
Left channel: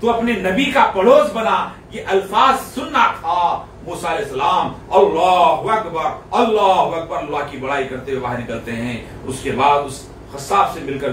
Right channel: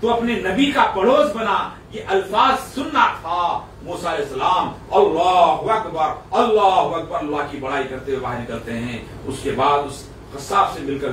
तू अपने नबी का पड़ोस बना। ये अल्फाज सुनना था। मूसा अलैहिस्सलाम अल्लाहु अकबर, अल्लाहु अकबर, अल्लाह की बड़ाई करते हुए बाहर निकलते हैं। उसके बाद उस खस्साब से मिलकर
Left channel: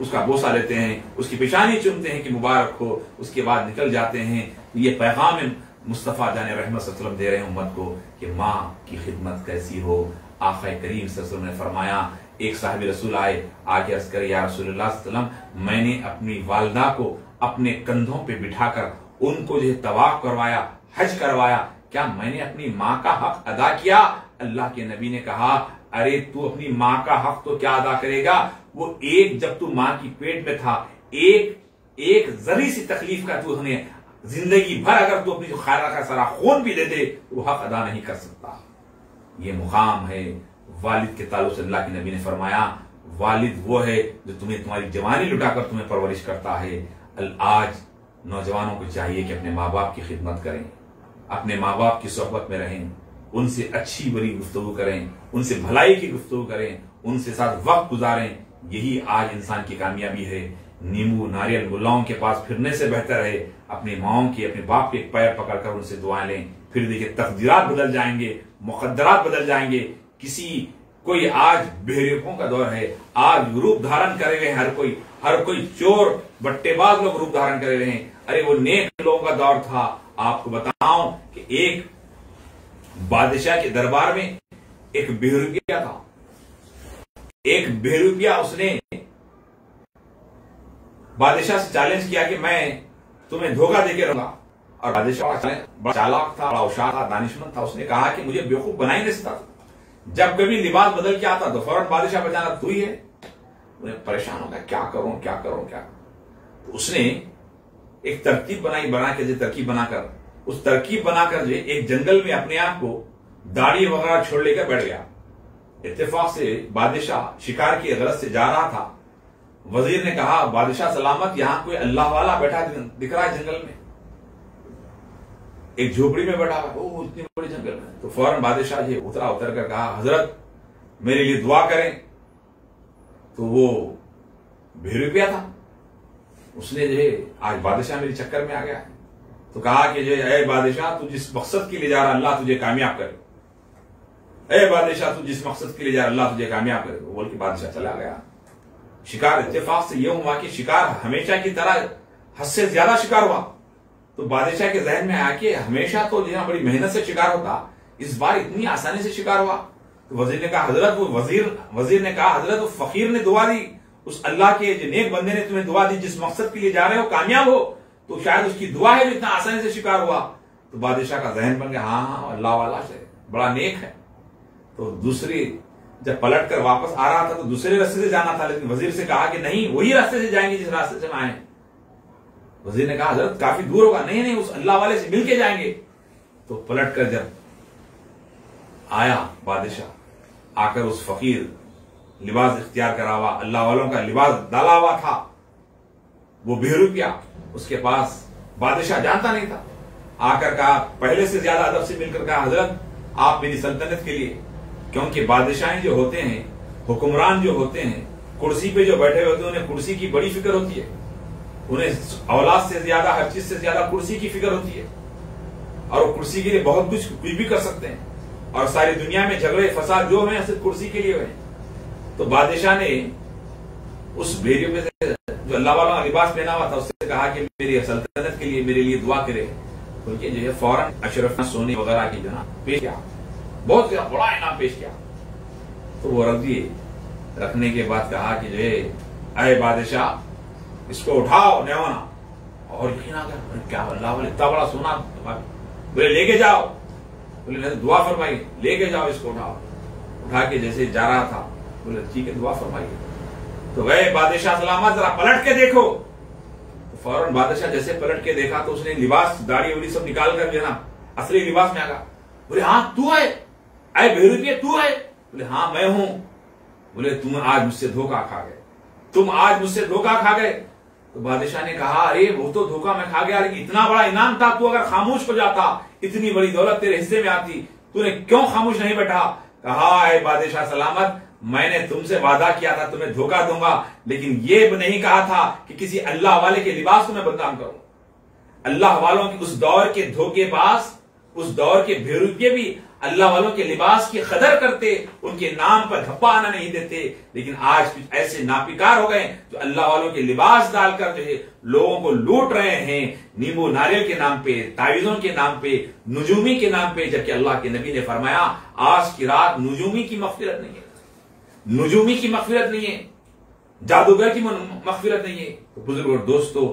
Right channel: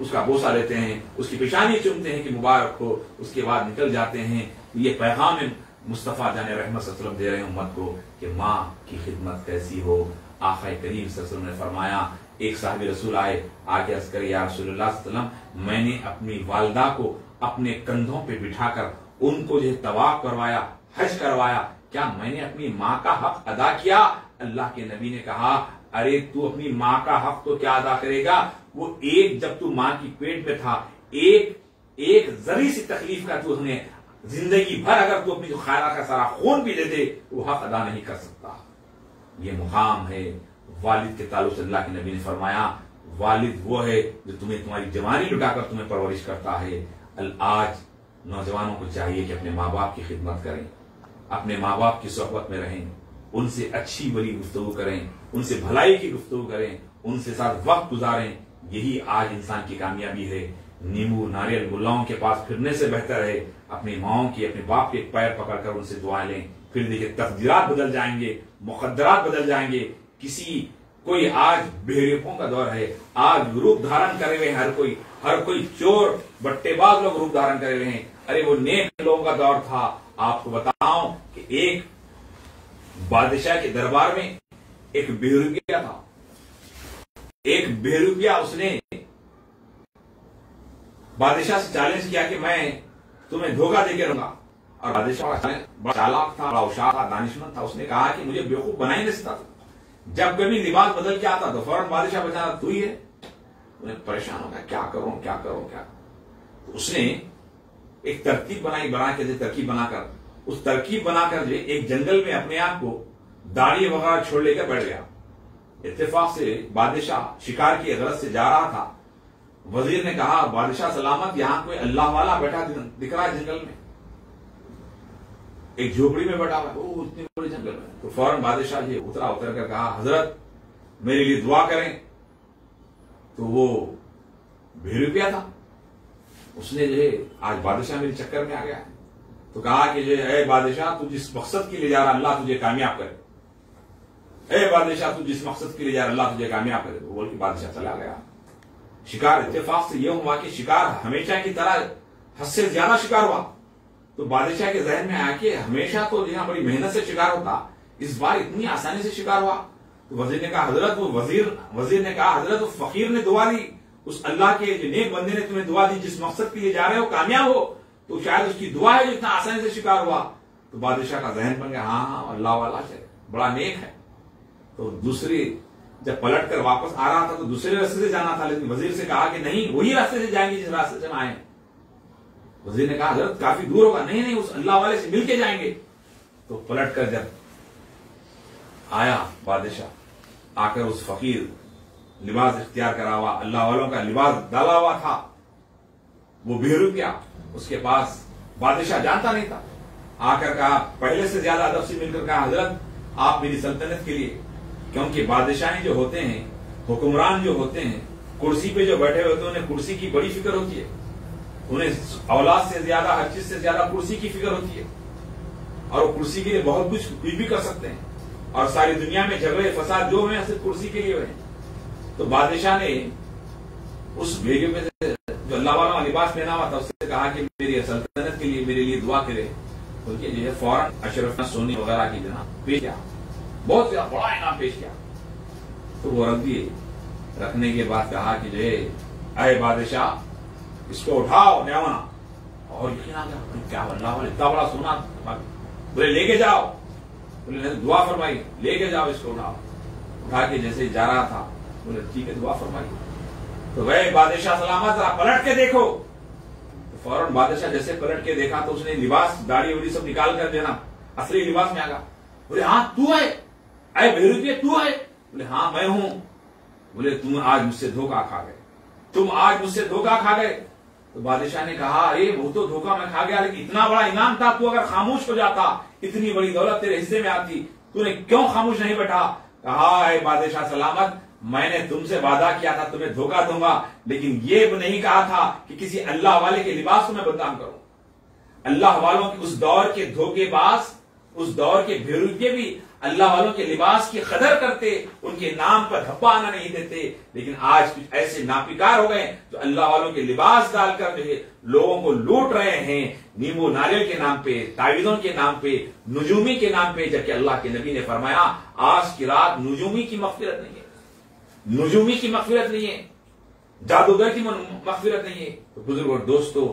उसका बोसा लेते हैं, उसकी पेशानी चूमते हैं कि मुबारक हो। उसके बाद निकल जाते हैं। ये पैगाम मुस्तफा जाने रहमत सल्लल्लाहु अलैहि वसल्लम दे रहे हैं उम्मत को कि माँ की खिदमत कैसी हो। आका करीम सल्लल्लाहु अलैहि वसल्लम ने फरमाया, एक साहिब रसूल आके अर्ज करे, या रसूलुल्लाह सल्लल्लाहु अलैहि वसल्लम, मैंने अपनी वालिदा को अपने कंधों पे बिठाकर उनको जो है तवाफ करवाया, हज करवाया, क्या मैंने अपनी माँ का हक अदा किया? अल्लाह के नबी ने कहा, अरे तू अपनी माँ का हक तो क्या अदा करेगा, वो एक जब तू माँ की पेट में था, एक जरी सी तकलीफ का तू हमें जिंदगी भर अगर तू अपनी जो खायरा का सारा खून भी दे दे तो वो हक अदा नहीं कर सकता। ये मुकाम है वालिद के ताल्लुक से। अल्लाह के नबी ने फरमाया, वालिद वो है जो तुम्हें तुम्हारी जवानी लुटाकर तुम्हें परवरिश करता है। आज नौजवानों को चाहिए कि अपने माँ बाप की खिदमत करें, अपने माँ बाप की सोहबत में रहें, उनसे अच्छी बुरी गुफ्तगू करें, उनसे भलाई की गुफ्तगू करें, उनसे साथ वक्त गुजारें। यही आज इंसान की कामयाबी है। नींबू नारियल गुल्लाओं के पास फिरने से बेहतर है अपनी माओं की, अपने बाप के पैर पकड़कर उनसे दुआएं लें। फिर देखिए तकदीरात बदल जाएंगे, मुकद्दरात बदल जाएंगे। कोई आज बेहरीफों का दौर है, आज रूप धारण करे हुए हर कोई चोर बट्टेबाज लोग रूप धारण करे हुए हैं। अरे वो नेक लोगों का दौर था। आपको बताऊं कि एक बादशाह के दरबार में एक बेहरूपिया था। एक बेहरूपिया उसने बादशाह से चैलेंज किया कि मैं तुम्हें धोखा देके रहूंगा। और बादशाह बड़ा चालाक था, बड़ा होशियार था, दानिशमंद था। उसने कहा कि मुझे बेवकूफ बना ही नहीं सकता। जब कभी लिबास बदल के आता तो फौरन बादशाह बचाना तू ही है। उन्हें परेशान हो गया, क्या करूं क्या। तो उसने एक तरकीब बनाकर उस तरकीब बनाकर जो एक जंगल में अपने आप को दाढ़ी वगैरह छोड़ लेकर बैठ गया। इत्तेफाक से बादशाह शिकार की गरज से जा रहा था। वजीर ने कहा, बादशाह सलामत, यहां कोई अल्लाह वाला बैठा दिख रहा है जंगल में, एक झोपड़ी में बैठा हुआ। ओ, इतनी बड़ी जंगल में। तो फौरन बादशाह जी उतर कर कहा, हजरत मेरे लिए दुआ करें। तो वो बेहरूपिया था, उसने जो है आज बादशाह मेरे चक्कर में आ गया। तो कहा कि जो है, बादशाह तू जिस मकसद के लिए जा रहा अल्लाह तुझे कामयाब करे। बादशाह तू जिस मकसद के लिए जा रहा अल्लाह तुझे कामयाब करे। वो बोल के बादशाह चला गया। शिकार इत्तेफाक से यह हुआ कि शिकार हमेशा की तरह हद से ज्यादा शिकार हुआ। तो बादशाह के जहन में आया कि हमेशा तो जितना बड़ी मेहनत से शिकार होता, इस बार इतनी आसानी से शिकार हुआ। तो वजीर ने कहा, हजरत वजीर ने कहा, हजरत वो फकीर ने दुआ दी, उस अल्लाह के जो नेक बंदे ने तुम्हें दुआ दी, जिस मकसद के लिए जा रहे हो कामयाब हो, तो शायद उसकी दुआ है जो इतना आसानी से शिकार हुआ। तो बादशाह का जहन बन गया, हाँ अल्लाह वाला से बड़ा नेक है। तो दूसरी जब पलट कर वापस आ रहा था तो दूसरे रास्ते से जाना था, लेकिन वजीर से कहा कि नहीं, वही रास्ते से जाएंगे जिस रास्ते से हम आए। वजीर ने कहा, हजरत काफी दूर होगा। नहीं, उस अल्लाह वाले से मिलके जाएंगे। तो पलट कर जब आया बादशाह, आकर उस फकीर लिबास इख्तियार करा हुआ, अल्लाह वालों का लिबास डाला हुआ था, वो बेहरूपिया उसके पास बादशाह जानता नहीं था। आकर कहा, पहले से ज्यादा अदब से मिलकर कहा, हजरत आप मेरी सल्तनत के लिए, क्योंकि बादशाह जो होते हैं, हुक्मरान जो होते हैं, कुर्सी पे जो बैठे हुए होते हैं, उन्हें कुर्सी की बड़ी फिक्र होती है। उन्हें औलाद से ज्यादा, हर चीज से ज्यादा कुर्सी की फिक्र होती है। और वो कुर्सी के लिए बहुत कुछ भी कर सकते हैं। और सारी दुनिया में झगड़े फसाद जो हैं सिर्फ कुर्सी के लिए हुए। तो बादशाह ने उस भेड़ियों में से जो अल्लाह वाला लिबास पहना हुआ था उससे कहा कि मेरी सल्तनत के लिए मेरे लिए दुआ करे। उनके जो है फौरन अशरफ सोने वगैरह की जो पेश किया, बहुत बड़ा इनाम पेश किया। तो वो रख दिए। रखने के बाद कहा कि जो है अय बादशाह इसको उठाओ न्यावना। और यकीन आ गया, क्या अल्लाह वाले इतना बड़ा सोना, बोले लेके जाओ। बोले नहीं दुआ फरमाइए, लेके जाओ इसको, उठाओ। उठा के जैसे जा रहा था बोले ठीक है दुआ फरमाइए। तो गए बादशाह सलामत, जरा पलट के देखो। तो फौरन बादशाह जैसे पलट के देखा तो उसने लिबास दाढ़ी उड़ी सब निकाल कर जो है ना असली लिबास में आ गया। बोले हाँ तू है, अय बेरुपये तू है? बोले हाँ मैं हूं। बोले तुम आज मुझसे धोखा खा गए, तुम आज मुझसे धोखा खा गए। तो बादशाह ने कहा अरे वो तो धोखा मैं खा गया, लेकिन इतना बड़ा इनाम था, तू अगर खामोश हो जाता, इतनी बड़ी दौलत तेरे हिस्से में आती, तूने क्यों खामोश नहीं बैठा? कहा अय बादशाह सलामत, मैंने तुमसे वादा किया था तुम्हें धोखा दूंगा, लेकिन ये नहीं कहा था कि किसी अल्लाह वाले के लिबास को मैं बदनाम करूं। अल्लाह वालों के उस दौर के धोखेबाज, उस दौर के बेरुपये भी अल्लाह वालों के लिबास की कदर करते, उनके नाम पर धब्बा आना नहीं देते। लेकिन आज कुछ ऐसे नापिकार हो गए जो अल्लाह वालों के लिबास डालकर जो है लोगों को लूट रहे हैं, नींबू नारियल के नाम पे, तावीज़ों के नाम पे, नुजूमी के नाम पे। जबकि अल्लाह के नबी ने फरमाया आज की रात नुजूमी की मग़फ़िरत नहीं है, नुजूमी की मग़फ़िरत नहीं है, जादूगर की मग़फ़िरत नहीं है। तो बुजुर्ग और दोस्तों,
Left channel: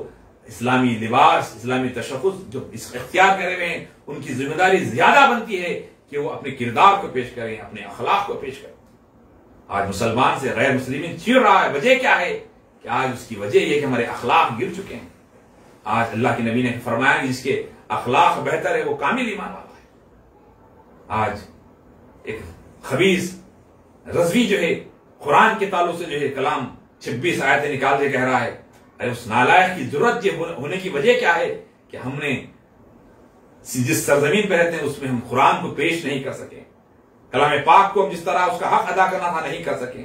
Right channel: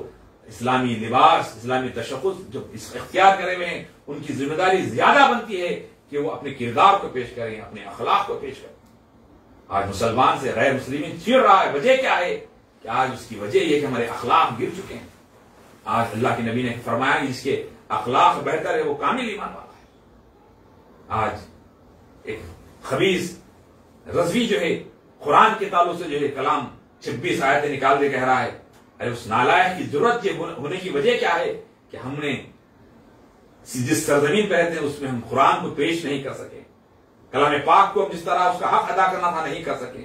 इस्लामी लिबास, इस्लामी तशख़्ख़ुस जो इख्तियार करे हुए हैं, उनकी जिम्मेदारी ज्यादा बनती है कि वो अपने किरदार को पेश करें, अपने अखलाक को पेश करें। आज मुसलमान से गैर मुस्लिम चिढ़ रहा है, वजह क्या है? कि आज उसकी वजह यह है कि हमारे अखलाक गिर चुके हैं। आज अल्लाह के नबी ने फरमाया जिसके अखलाक बेहतर है वो कामिल ईमान वाला है। आज एक खबीस रज़वी जो है कुरान के ताल्लुक से जो है कलाम 26 आयतें निकाल दे कह रहा है, अरे उस नालायक की जरूरत होने की वजह क्या है कि हमने जिस सरजमीन पर रहते हैं उसमें हम कुरान को पेश नहीं कर सके, कलाम पाक को हम जिस तरह उसका हक अदा करना था नहीं कर सके।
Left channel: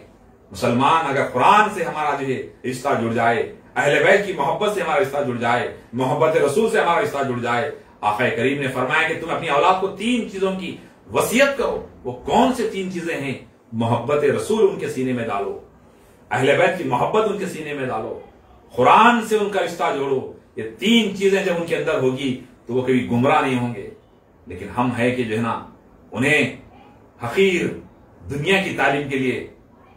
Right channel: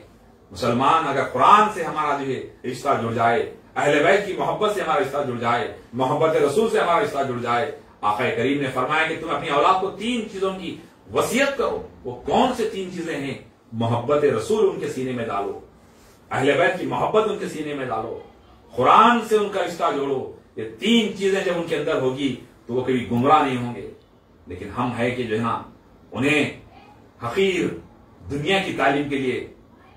मुसलमान अगर कुरान से हमारा जो है रिश्ता जुड़ जाए, अहले बैत की मोहब्बत से हमारा रिश्ता जुड़ जाए, मोहब्बत रसूल से हमारा रिश्ता जुड़ जाए। आका करीम ने फरमाया कि तुम अपनी औलाद को 3 चीजों की वसीयत करो। वो कौन से 3 चीजें हैं? मोहब्बत रसूल उनके सीने में डालो, अहले बैत की मोहब्बत उनके सीने में डालो, कुरान से उनका रिश्ता जोड़ो। ये 3 चीजें जब उनके अंदर होगी तो वो कभी गुमराह नहीं होंगे। लेकिन हम है कि जो है ना उन्हें हकीर दुनिया की तालीम के लिए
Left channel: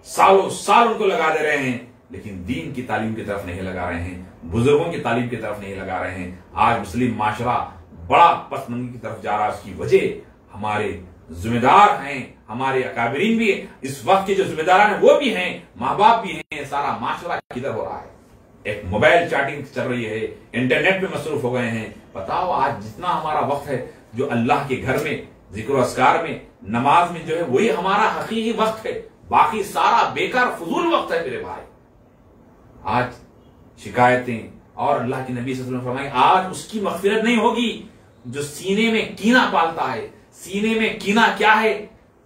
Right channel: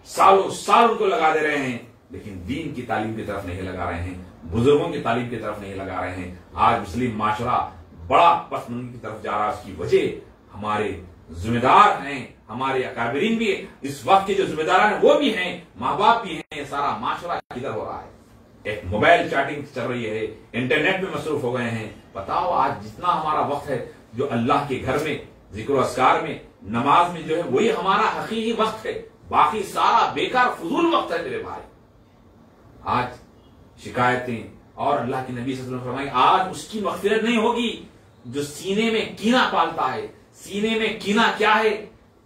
सालों साल उनको लगा दे रहे हैं, लेकिन दीन की तालीम की तरफ नहीं लगा रहे हैं, बुजुर्गों की तालीम की तरफ नहीं लगा रहे हैं। आज मुस्लिम माशरा बड़ा पसमंदी की तरफ जा रहा है। उसकी वजह हमारे जिम्मेदार हैं, हमारे अकाबरीन भी, इस वक्त के जो जिम्मेदार हैं वो भी हैं, माँ बाप भी हैं, सारा माशरा किधर हो रहा है? एक मोबाइल चैटिंग चल रही है, इंटरनेट में मसरूफ हो गए हैं। बताओ आज जितना हमारा वक्त है जो अल्लाह के घर में जिक्र अस्कार में नमाज में जो है वही हमारा हकीकी वक्त है, बाकी सारा बेकार फजूल वक्त है मेरे भाई। आज शिकायतें और अल्लाह के नबी सल्लल्लाहु अलैहि वसल्लम फरमाए आज उसकी मग़फ़िरत नहीं होगी जो सीने में कीना पालता है। सीने में कीना क्या है?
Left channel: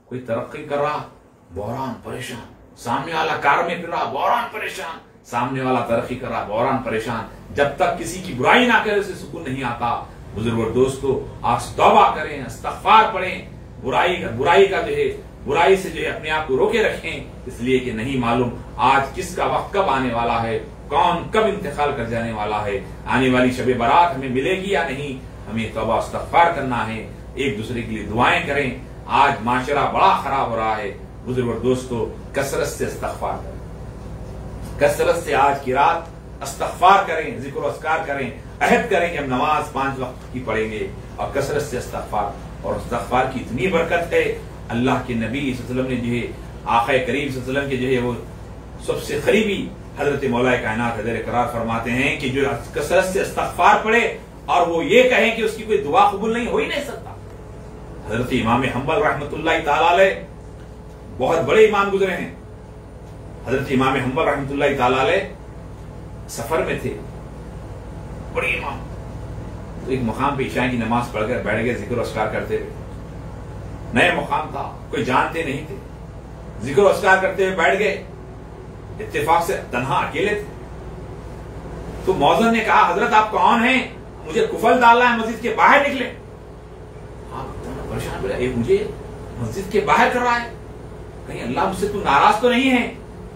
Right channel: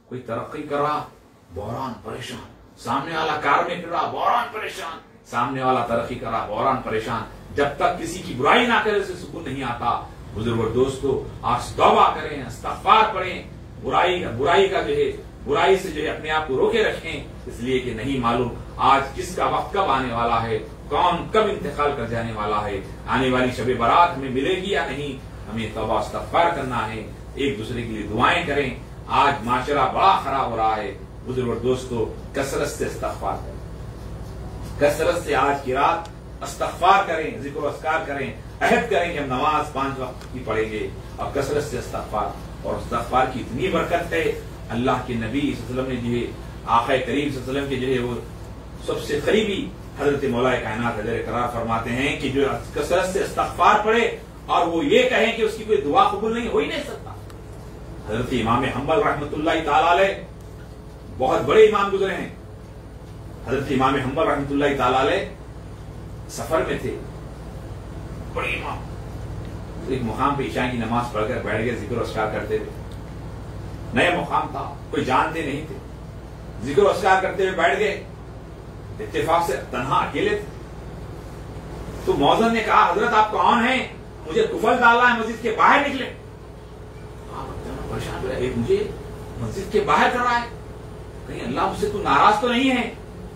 कोई तरक्की कर रहा बहरान परेशान, सामने वाला कार में फिर रहा बहरान परेशान, सामने वाला तरक्की कर रहा बहरान परेशान। जब तक किसी की बुराई ना करे उसे सुकून नहीं आता। बुजुर्ग और दोस्तों, आज तौबा करें, इस्तग़फ़ार पढ़ें, बुराई का जो है बुराई से जो है अपने आप को रोके रखें, इसलिए कि नहीं मालूम आज किसका वक्त कब आने वाला है, कौन कब इंतकाल कर जाने वाला है। आने वाली शब बारात हमें मिलेगी या नहीं, हमें तौबा इस्तग़फ़ार करना है, एक दूसरे के लिए दुआएं करें। आज माशरा बड़ा खराब हो रहा है। बुजुर्ग और दोस्तों, कसरत से इस्तग़फ़ार करें, कसरत से आज की रात इस्तग़फ़ार करें, जिक्र अस्कार करें, अहद करें कि हम नमाज 5 वक्त की पढ़ेंगे और कसरत से इस्तग़फ़ार। और इस्तग़फ़ार की इतनी बरकत है, अल्लाह के नबी सल्लल्लाहु अलैहि वसल्लम ने जो है आक़ा करीम सल्लल्लाहु अलैहि वसल्लम के जो है वो सबसे करीबी हजरत मौला कायनात हज़रत करार फरमाते हैं कि जो कसरत से इस्तग़फ़ार पढ़े और वो ये कहें कि उसकी कोई दुआ कबूल नहीं हो ही नहीं सकता। हजरत इमाम हम्बल रहमतुल्लाह ताला अलैह बहुत बड़े इमाम गुजरे हैं। हजरत इमाम हम्बल रहमतुल्लाह ताला अलैह सफर में थे, बड़े इमाम। तो एक मुकाम पे इशा की नमाज पढ़कर बैठ गए जिक्र अस्कार करते हुए। नया मुकाम था, कोई जानते नहीं थे, जिक्र अस्कार करते हुए बैठ गए। इत्तेफाक से तन्हा अकेले थे। तो मौज़िन ने कहा हजरत आप कौन हैं, मुझे कुफल डालना है, मस्जिद के बाहर निकले। परेशान बोले मुझे मस्जिद के बाहर कर रहा है, कहीं अल्लाह मुझसे तू नाराज तो नहीं है।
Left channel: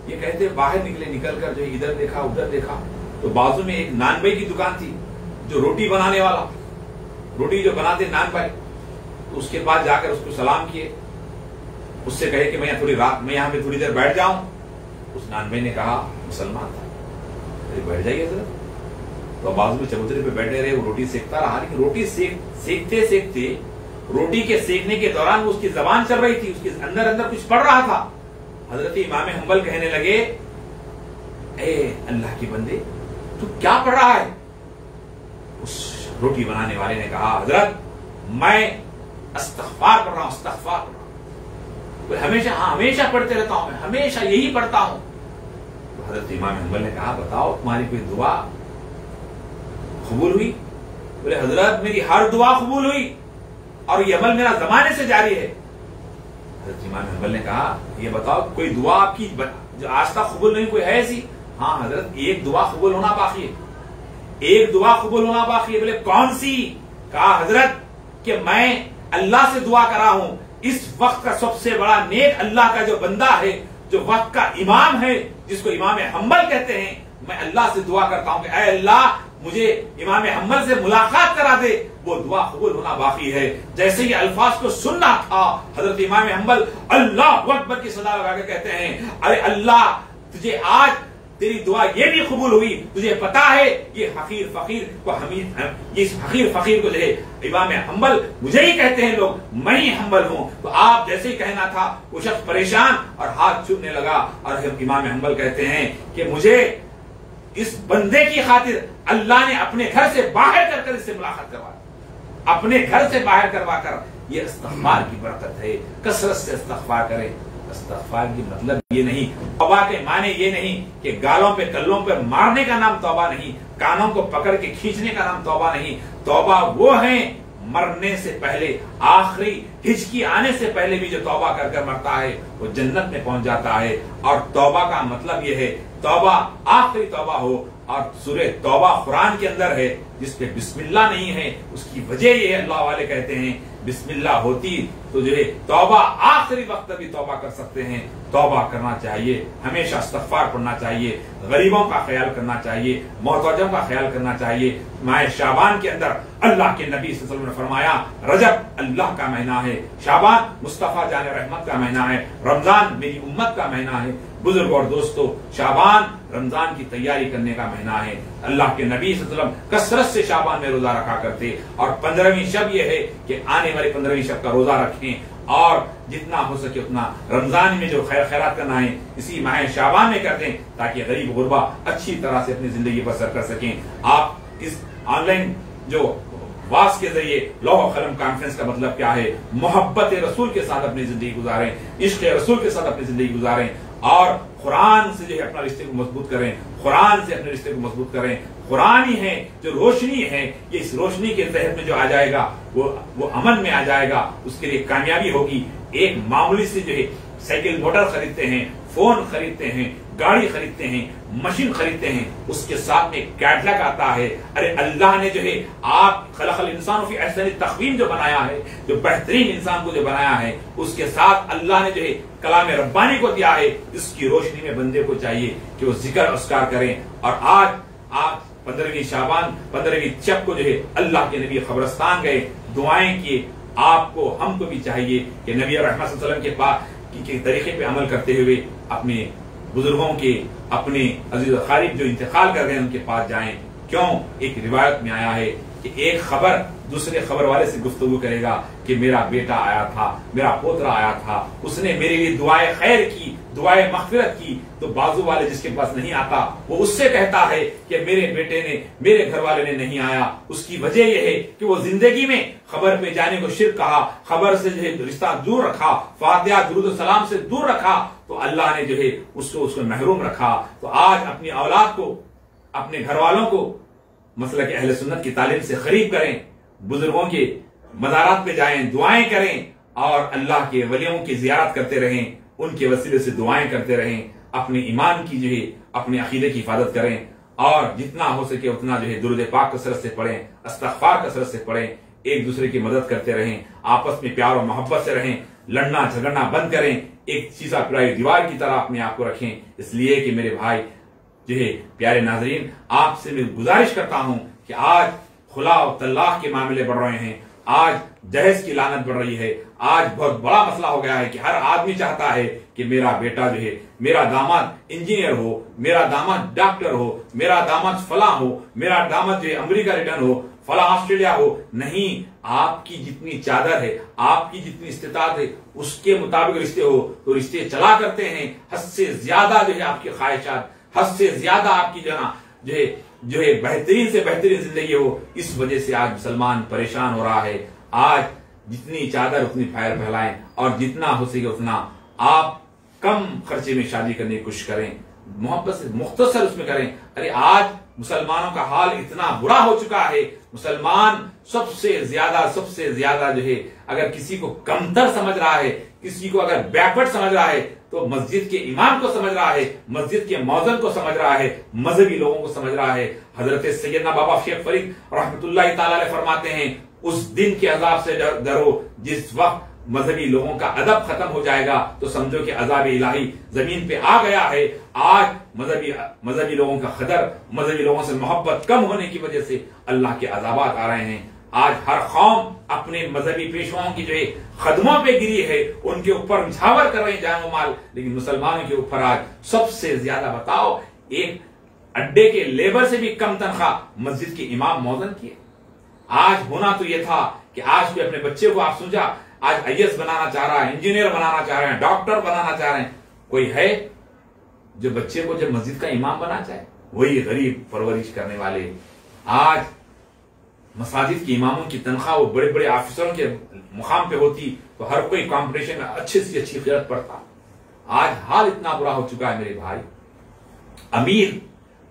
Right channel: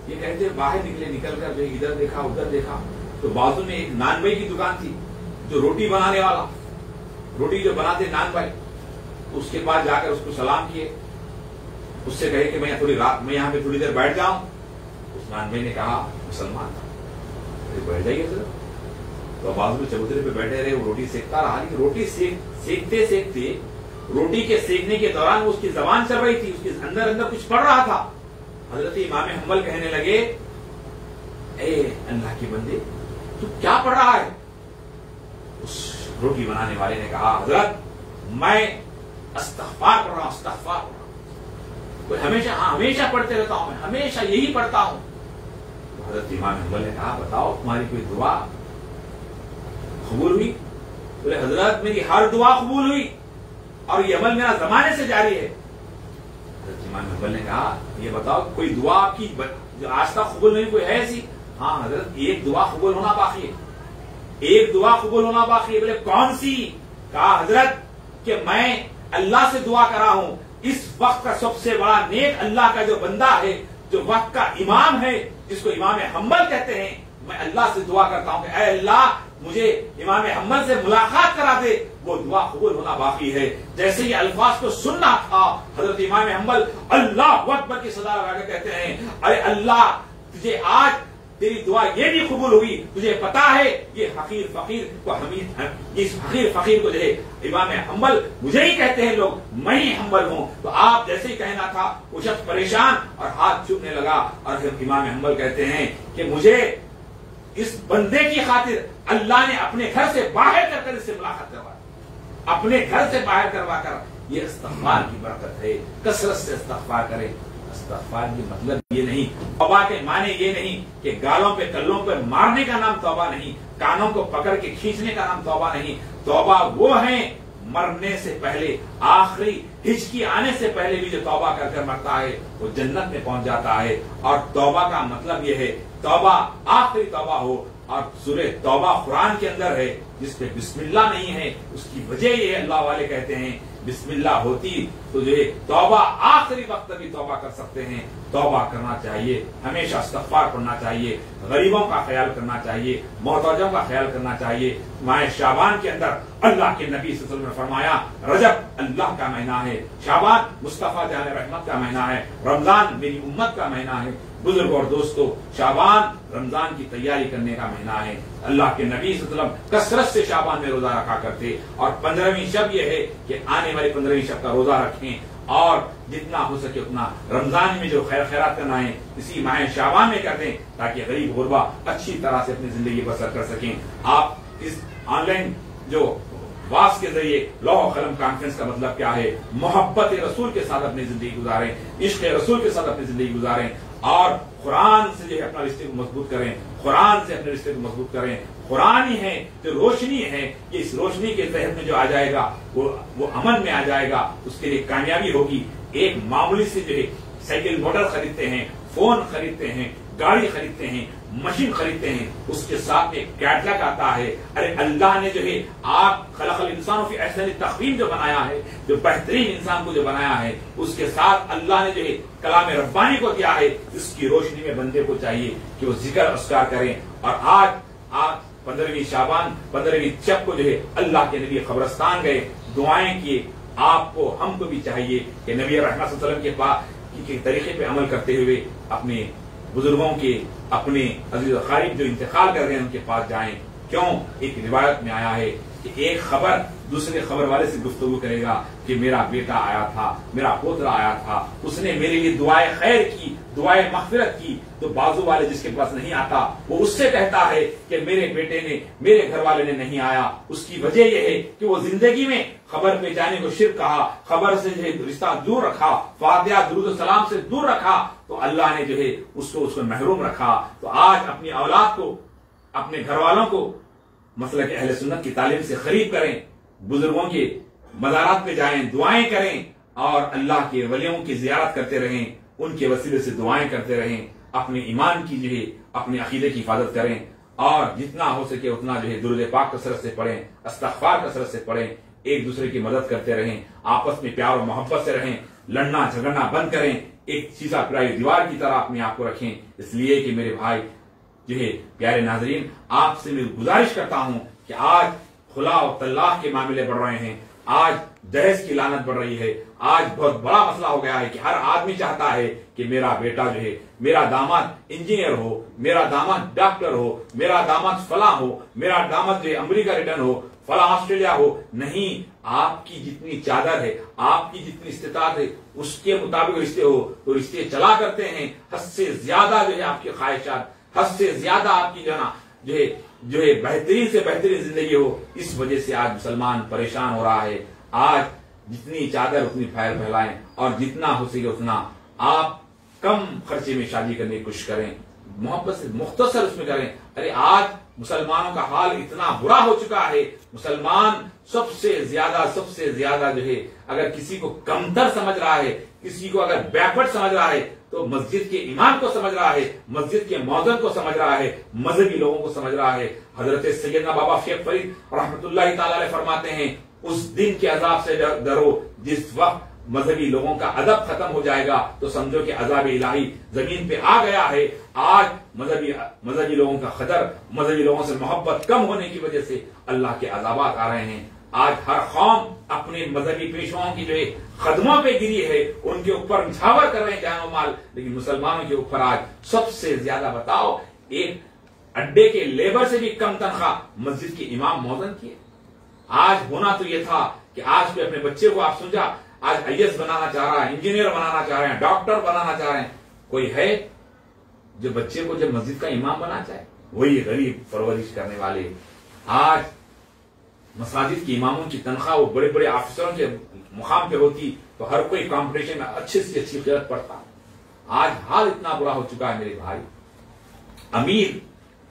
ये कहते बाहर निकल कर जो इधर देखा उधर देखा तो बाजू में एक नान भाई की दुकान थी, जो रोटी बनाने वाला, रोटी जो बनाते नान भाई, तो उसके पास जाकर उसको सलाम किए, उससे कहे कि मैं यहाँ पे थोड़ी देर बैठ जाऊं। उस नान भाई ने कहा मुसलमान था, अरे बैठ जाइए सर। तो बाजू में चबूतरे पे बैठे रहे, वो रोटी सेकता रहा, लेकिन रोटी सेकते सेकते रोटी के सेकने के दौरान उसकी जबान चल रही थी, उसके अंदर अंदर कुछ पढ़ रहा था। हजरत इमाम हम्बल कहने लगे, ए अल्लाह के बंदे तू क्या पढ़ रहा है? उस रोटी बनाने वाले ने कहा, हजरत मैं इस्तिग़फ़ार कर रहा हूं, इस्तिग़फ़ार कर रहा हूं, हमेशा पढ़ते रहता हूं, मैं हमेशा यही पढ़ता हूं। तो हजरत इमाम हम्बल ने कहा, बताओ तुम्हारी कोई दुआ कबूल हुई? बोले हजरत मेरी हर दुआ कबूल हुई और ये अमल मेरा जमाने से जारी है। हजरत इमाम हम्बल ने कहा, ये बताओ कोई दुआ आपकी जो आज तक कबूल नहीं, कोई है ऐसी? हाँ हजरत एक दुआ कबूल होना बाकी है, एक दुआ कबूल होना बाकी है। बोले कौन सी? कहा हजरत कि मैं अल्लाह से दुआ कर रहा हूं, इस वक्त का सबसे बड़ा नेक अल्लाह का जो बंदा है, जो वक्त का इमाम है, जिसको इमाम हम्बल कहते हैं, मैं अल्लाह से दुआ करता हूं कि ऐ अल्लाह मुझे इमाम हम्बल से मुलाकात करा दे। वो दुआ कबूल होना बाकी है। जैसे ये अल्फाज को सुनना था, हजरत इमाम हम्बल अल्लाह अकबर की सदा लगा के कहते हैं, अरे अल्लाह तुझे आज तेरी दुआ ये भी कबूल हुई। तुझे पता है ये हकीर फकीर को हमीद, इस हकीर फकीर को जो है इमाम हम्बल मुझे ही कहते हैं लोग, मैं ही हम्बल हूं। तो आप जैसे ही कहना था वो शख्स परेशान और हाथ चूमने लगा और इमाम हम्बल कहते हैं कि मुझे इस बंदे की खातिर अल्लाह ने अपने घर से बाहर कर इससे मुलाकात करवा, अपने घर से बाहर करवा कर। ये इस्तिग़फ़ार की बरकत है, कसरत से इस्तिग़फ़ार करें। इस्तिग़फ़ार की मतलब ये नहीं, तौबा के माने ये नहीं कि गालों पे कल्लों पे मारने का नाम तौबा नहीं, कानों को पकड़ के खींचने का नाम तौबा नहीं। तौबा वो है मरने से पहले, आखिरी हिचकी आने से पहले भी जो तौबा कर मरता है वो जन्नत में पहुंच जाता है। और तौबा का मतलब ये है तौबा आखिरी तौबा हो। और सूरह तौबा कुरान के अंदर है, जिसपे बिस्मिल्लाह नहीं है, उसकी वजह ये है, अल्लाह वाले कहते हैं बिस्मिल्लाह होती तो जो है तौबा आखिरी वक्त भी तौबा कर सकते हैं। तौबा करना चाहिए, हमेशा इस्तिग़फ़ार पढ़ना चाहिए, गरीबों का ख्याल करना चाहिए, मोहताजों का ख्याल करना चाहिए। माह शाबान के अंदर अल्लाह के नबी सल्लल्लाहु अलैहि वसल्लम ने फरमाया, रजब अल्लाह का महीना है, शाबान मुस्तफा जाने रहमत का महीना है, रमजान मेरी उम्मत का महीना है। बुजुर्ग और दोस्तों, शाबान रमजान की तैयारी करने का महीना है। अल्लाह के नबी सल्लल्लाहु अलैहि वसल्लम कसरत से शाबान में रोजा रखा करते और 15वीं शब यह है कि आने वाली 15वीं शब का रोजा रखें और जितना हो सके उतना रमजान में जो खैर खैरात करना है इसी माह शाबान में कर दें, ताकि गरीब गुरबा अच्छी तरह से अपनी जिंदगी बसर कर सकें। आप इस ऑनलाइन जो वास के जरिए लौह कलम कॉन्फ्रेंस का मतलब क्या है, मोहब्बत रसूल के साथ अपनी जिंदगी गुजारें, इश्क रसूल के साथ अपनी जिंदगी गुजारें और कुरान से जो है अपना रिश्ते को मजबूत करें, कुरान से अपने रिश्ते को मजबूत करें। कुरान ही है जो रोशनी है, ये इस रोशनी के तहत में जो आ जाएगा वो अमन में आ जाएगा, उसके लिए कामयाबी होगी। एक मामूली से जो है साइकिल मोटर खरीदते हैं, फोन खरीदते हैं, गाड़ी खरीदते हैं, मशीन खरीदते हैं, उसके साथ में कैटलॉग आता है। अरे अल्लाह ने जो है आप खलक़ल इंसान फी अहसनी तक़वीम जो बनाया है, जो बेहतरीन इंसान को जो बनाया है, उसके साथ अल्लाह ने जो है कलाम रब्बानी को दिया है। इसकी रोशनी में बंदे को चाहिए कि वो जिक्र अस्कार करें। और आज 15वीं शाबान 15वीं शब को जो है अल्लाह के नबी कब्रिस्तान गए, दुआएं किए। आपको हमको भी चाहिए कि नबी रहमत सल्लल्लाहु अलैहि वसल्लम के पास के तरीके पे अमल करते हुए अपने बुजुर्गों के, अपने अजीज खारिब जो इंतकाल कर गए उनके पास जाएं। क्यों? एक रिवायत में आया है कि एक खबर दूसरे खबर वाले से गुफ्तगू करेगा कि मेरा बेटा आया था, मेरा पोतरा आया था, उसने मेरे लिए दुआए खैर की, दुआए मग़फ़िरत की। तो बाजू वाले जिसके पास नहीं आता वो उससे कहता है कि मेरे बेटे ने, मेरे घर वाले ने नहीं आया। उसकी वजह यह है कि वो जिंदगी में खबर पे जाने को शिर्क कहा, खबर से जो है रिश्ता दूर रखा, फातिहा दुरूद सलाम से दूर रखा, तो अल्लाह ने जो है उसको महरूम रखा। तो आज अपनी औलाद को, अपने घर वालों को मसलक अहले सुन्नत की तालीम से खरीद करें, बुजुर्गों के मज़ारात पे जाएं, दुआएं करें और अल्लाह के वलियों की जियारत करते रहें, उनके वसीले से दुआएं करते रहें, अपने ईमान की जो है अपने अकीदे की हिफाजत करें और जितना हो सके उतना जो है दुरूद पाक कसरत से पढ़ें, इस्तिग़फ़ार कसरत से पढ़ें। एक दूसरे की मदद करते रहें, आपस में प्यार और मोहब्बत से रहें, लड़ना झगड़ना बंद करें, एक शीशा पिराई दीवार की तरह अपने आप को रखें। इसलिए कि मेरे भाई जो है प्यारे नाजरीन, आपसे मैं गुजारिश करता हूं कि आज खुला और तलाक के मामले बढ़ रहे हैं, आज दहेज की लानत बढ़ रही है, आज बहुत बड़ा मसला हो गया है कि हर आदमी चाहता है कि मेरा बेटा जो है, मेरा दामाद इंजीनियर हो, मेरा दामाद डॉक्टर हो, मेरा दामाद फला हो, मेरा दामाद जो है अमेरिका रिटर्न हो, फला ऑस्ट्रेलिया हो। नहीं, आपकी जितनी चादर है, आपकी जितनी इस्तिताअत है, उसके मुताबिक रिश्ते हो तो रिश्ते चला करते हैं। हद से ज्यादा जो है आपकी ख्वाहिशात, हद से ज्यादा आपकी जो है बेहतरीन से बेहतरीन जिंदगी हो, इस वजह से आज मुसलमान परेशान हो रहा है। आज जितनी चादर उतनी फैलाएं और जितना हो सके उतना आप कम खर्चे में शादी करने की कोशिश करें, मोहब्बत से मुख्तसर उसमें करें। अरे आज मुसलमानों का हाल इतना बुरा हो चुका है, मुसलमान सबसे ज्यादा जो है अगर किसी को कमतर समझ रहा है, किसी को अगर बैकवर्ड समझ रहा है तो मस्जिद के इमाम को समझ रहा है, मस्जिद के मौजन को समझ रहा है, मजहबी लोगों को समझ रहा है। हजरत सैयदना बाबा शेख फरीद रहमतुल्लाह ताला अलैह फरमाते हैं, उस दिन के अजाब से डरो जिस वक्त मजहबी लोगों का अदब खत्म हो जाएगा तो समझो कि अजाब इलाही जमीन पे आ गया है। आज मजहबी लोगों का खतर, मजहबी लोगों से मोहब्बत कम होने की वजह से अल्लाह के अजाबात आ रहे हैं। आज हर कौम अपने मजहबी पेशवाओं की जो है कदमों पे गिरी है, उनके ऊपर निछावर कर रहे हैं जानो माल, लेकिन मुसलमानों के ऊपर आज सबसे ज्यादा बताओ एक अड्डे के लेबर से भी कम तनख्वाह मस्जिद के इमाम मौजन की है। आज होना तो यह था कि आज भी अपने बच्चे को आप समझा, आज IAS बनाना चाह रहा है, इंजीनियर बनाना चाह रहे हैं, डॉक्टर बनाना चाह रहे हैं, कोई है जो बच्चे को जब मस्जिद का इमाम बनाना चाहे? वही गरीब परवरिश करने वाले। आज मसाजिद के इमामों की तनख्वाह वो बड़े बड़े ऑफिसरों के मुकाम पे होती तो हर कोई कंपटीशन में अच्छे से अच्छी खिदमत पड़ता। आज हाल इतना बुरा हो चुका है मेरे भाई। अमीर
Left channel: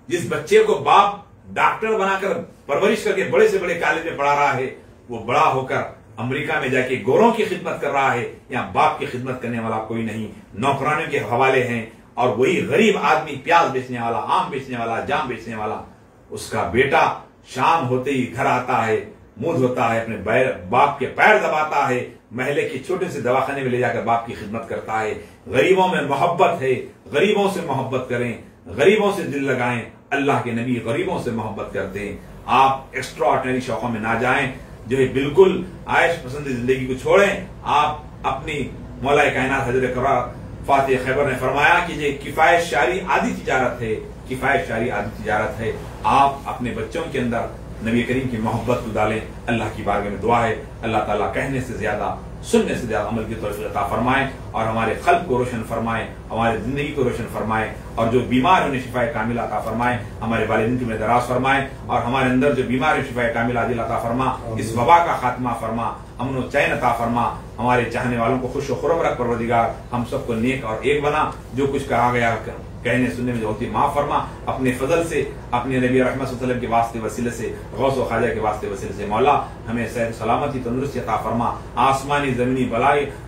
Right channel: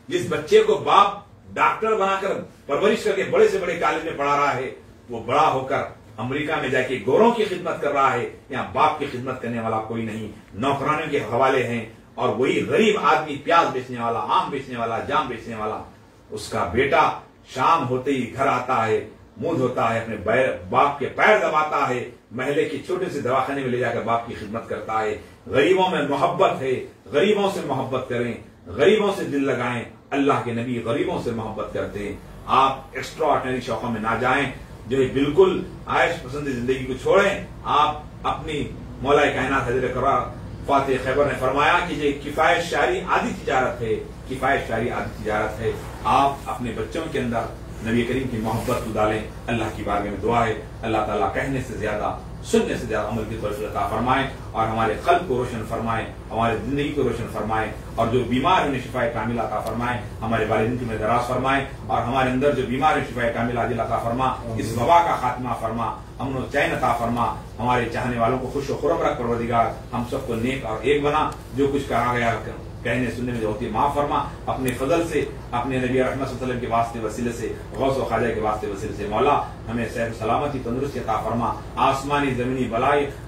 जिस बच्चे को बाप डॉक्टर बनाकर परवरिश करके बड़े से बड़े कॉलेज में पढ़ा रहा है, वो बड़ा होकर अमेरिका में जाके गोरों की खिदमत कर रहा है। यहाँ बाप की खिदमत करने वाला कोई नहीं, नौकरानियों के हवाले हैं। और वही गरीब आदमी प्याज बेचने वाला, आम बेचने वाला, जाम बेचने वाला, उसका बेटा शाम होते ही घर आता है, मुंह धोता है, अपने बाप के पैर दबाता है, महल्ले के छोटे से दवाखाने में ले जाकर बाप की खिदमत करता है। गरीबों में मोहब्बत है, गरीबों से मोहब्बत करें, गरीबों से दिल लगाएं। अल्लाह के नबी गरीबों से मोहब्बत करते हैं। आप एक्स्ट्रा ऑर्डिनरी शौकों में ना जाएं, जो है बिल्कुल आयश पसंद जिंदगी को छोड़ें। आप अपनी मौला कायनात हज़रत फातिह खैबर ने फरमाया कि ये किफायत शारी आदि तिजारत है, किफायत शारी आदि तिजारत है। आप अपने बच्चों के अंदर नबी करीम की मोहब्बत डालें। अल्लाह की बारगाह में दुआ है, अल्लाह ताला कहने से ज्यादा सुनने से ज्यादा अमल की तौफीक अता फरमाएं और हमारे खल्क को रोशन फरमाएं, हमारी जिंदगी को रोशन फरमाएं और जो बीमार है उन्हें शिफाए कामिला अता फरमाएं, हमारे वालिदैन की उम्र दराज फरमाएं और हमारे अंदर जो बीमार है शिफाए कामिला आजिल अता फरमा, इस वबा का खात्मा फरमा, अमन चैन अता फरमा, हमारे चाहने वालों को खुश खुरम रख परवरदिगार, हम सबको नेक और एक बना। जो कुछ कहा गया कहने सुनने में जो होती माफ फरमा, अपने फजल से, अपने नबी रहमत सल्लल्लाहु अलैहि वसल्लम के वास्ते वसीले से, गौस व ख्वाजा के वास्ते वसीले से मौला हमें सेहत सलामती तंदुरुस्ती अता फरमा। आसमानी जमीनी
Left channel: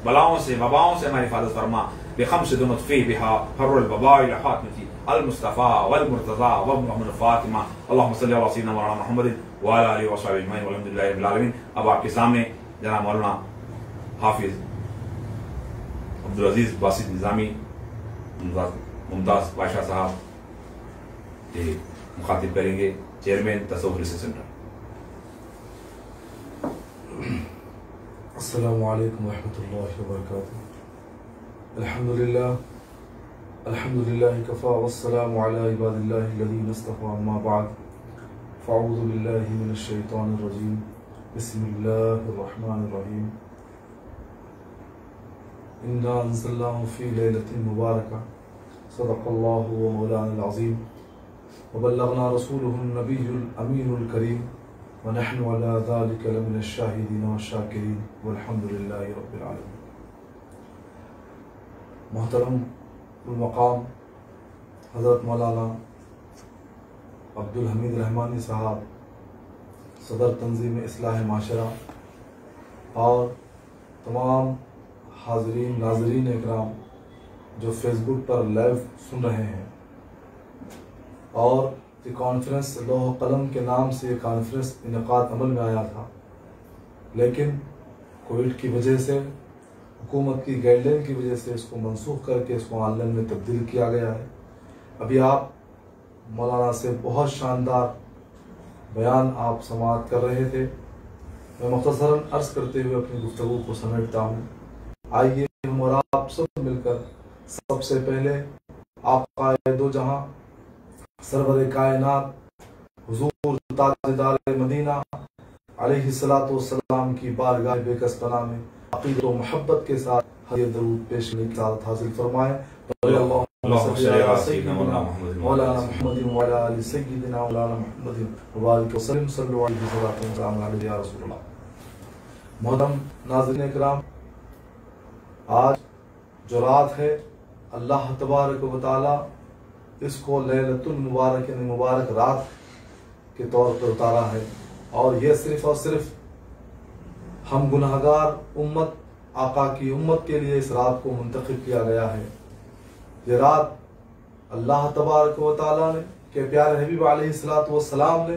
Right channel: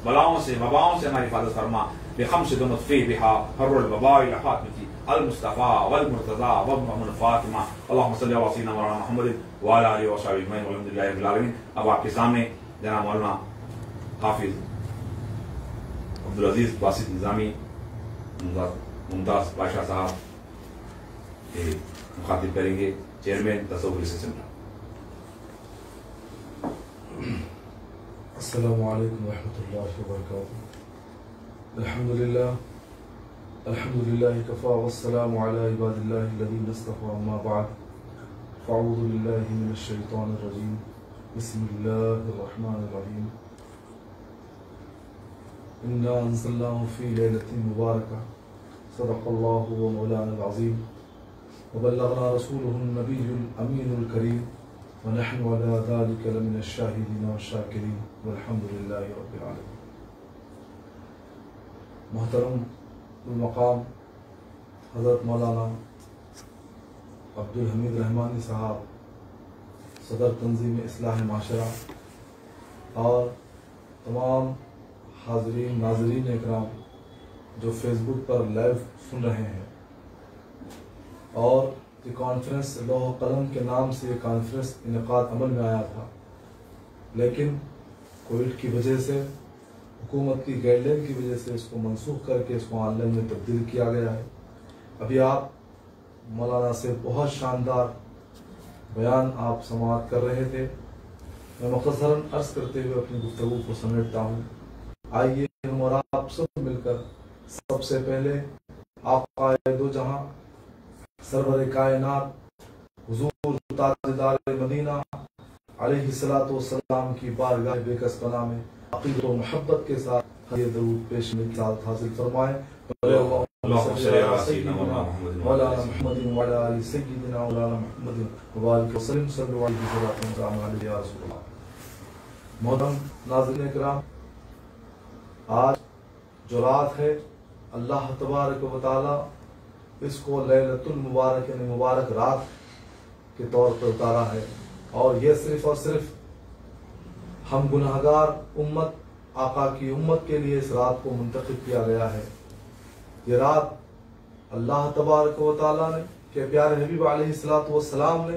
बलाओं से वबाओं से हमारी हिफाजत फरमा। बेखम से दुनफ़ी बिहा हर्रुल बबाई फातिमती अल मुस्तफा वल मुर्तजा व मुहम्मद फातिमा अल्लाहुम्मा सल्लि अला सय्यिदिना मौलाना मुहम्मद व अला आलिहि व अस्हाबिहि अजमईन वल्हम्दुलिल्लाहि रब्बिल आलमीन। अब आपके सामने जनाब मौलाना हाफिज अब्दुल अजीज बासित निजामी मुमताज बादशाह साहब मुखातिब करेंगे, चेयरमैन तसव्वुफ रिसर्च सेंटर। अस्सलामु अलैकुम रहमतुल्लाहि व बरकातुहू। अल्हम्दुलिल्लाह कफ़ा वस्सलामु अला इबादिल्लाहि अल्लज़ीना इस्तफ़ा अम्मा बअद फ़अऊज़ु बिल्लाहि मिनश शैतानिर रजीम बिस्मिल्लाहिर रहमानिर रहीम। इन्ना अंज़लनाहु फ़ी लैलतिन मुबारका सदक़ल्लाहु व मौलानाल अज़ीम व बल्लगना रसूलुहुन नबियुल अमीनुल करीम व नहनु अला ज़ालिका लमिनश शाहिदीन व शाकिरीन वल्हम्दुलिल्लाहि रब्बिल आलमीन। मोहतरम मकाम हज़रत मौलाना अब्दुल हमीद रहमानी साहब, सदर तंजीम इस्लाह माशरा और तमाम हाज़रीन नाज़रीन इकराम जो फेसबुक पर लाइव सुन रहे हैं, और द कॉन्फ्रेंस लौह कलम के नाम से कॉन्फ्रेंस इनेकाद अमल में आया था, लेकिन कोविड की वजह से, हुकूमत की गाइडलाइन की वजह से इसको मनसूख करके इसको ऑनलाइन में तब्दील किया गया है। अभी आप मौलाना से बहुत शानदार बयान आप समाअत कर रहे थे। मैं मुख्तसरन अर्ज करते हुए अपनी गुफ्तगू को समेटता हूँ। आइए हम और आप सब मिलकर सबसे पहले आक़ाए दो जहां सरवर कायनात हुजूर ताजदार मदीना अलैहिस्सलातु वस्सलाम की बारगाह बेकस पनाह में अक़ीदत व मोहब्बत के साथ ये दरूद पेश करने की सादत हासिल फरमाएं। मोहतरम नाज़रीन इकराम, आज जो रात है अल्लाह तबारक व तआला इसको लैलतुल मुबारक यानी मुबारक रात के तौर पर उतारा है, और यह सिर्फ और सिर्फ हम गुनाहगार उम्मत आका की उम्मत के लिए इस रात को मुंतखब किया गया है। यह रात अल्लाह तबारक व तआला ने के प्यारे हबीब अलैहिस्सलातु वस्सलाम ने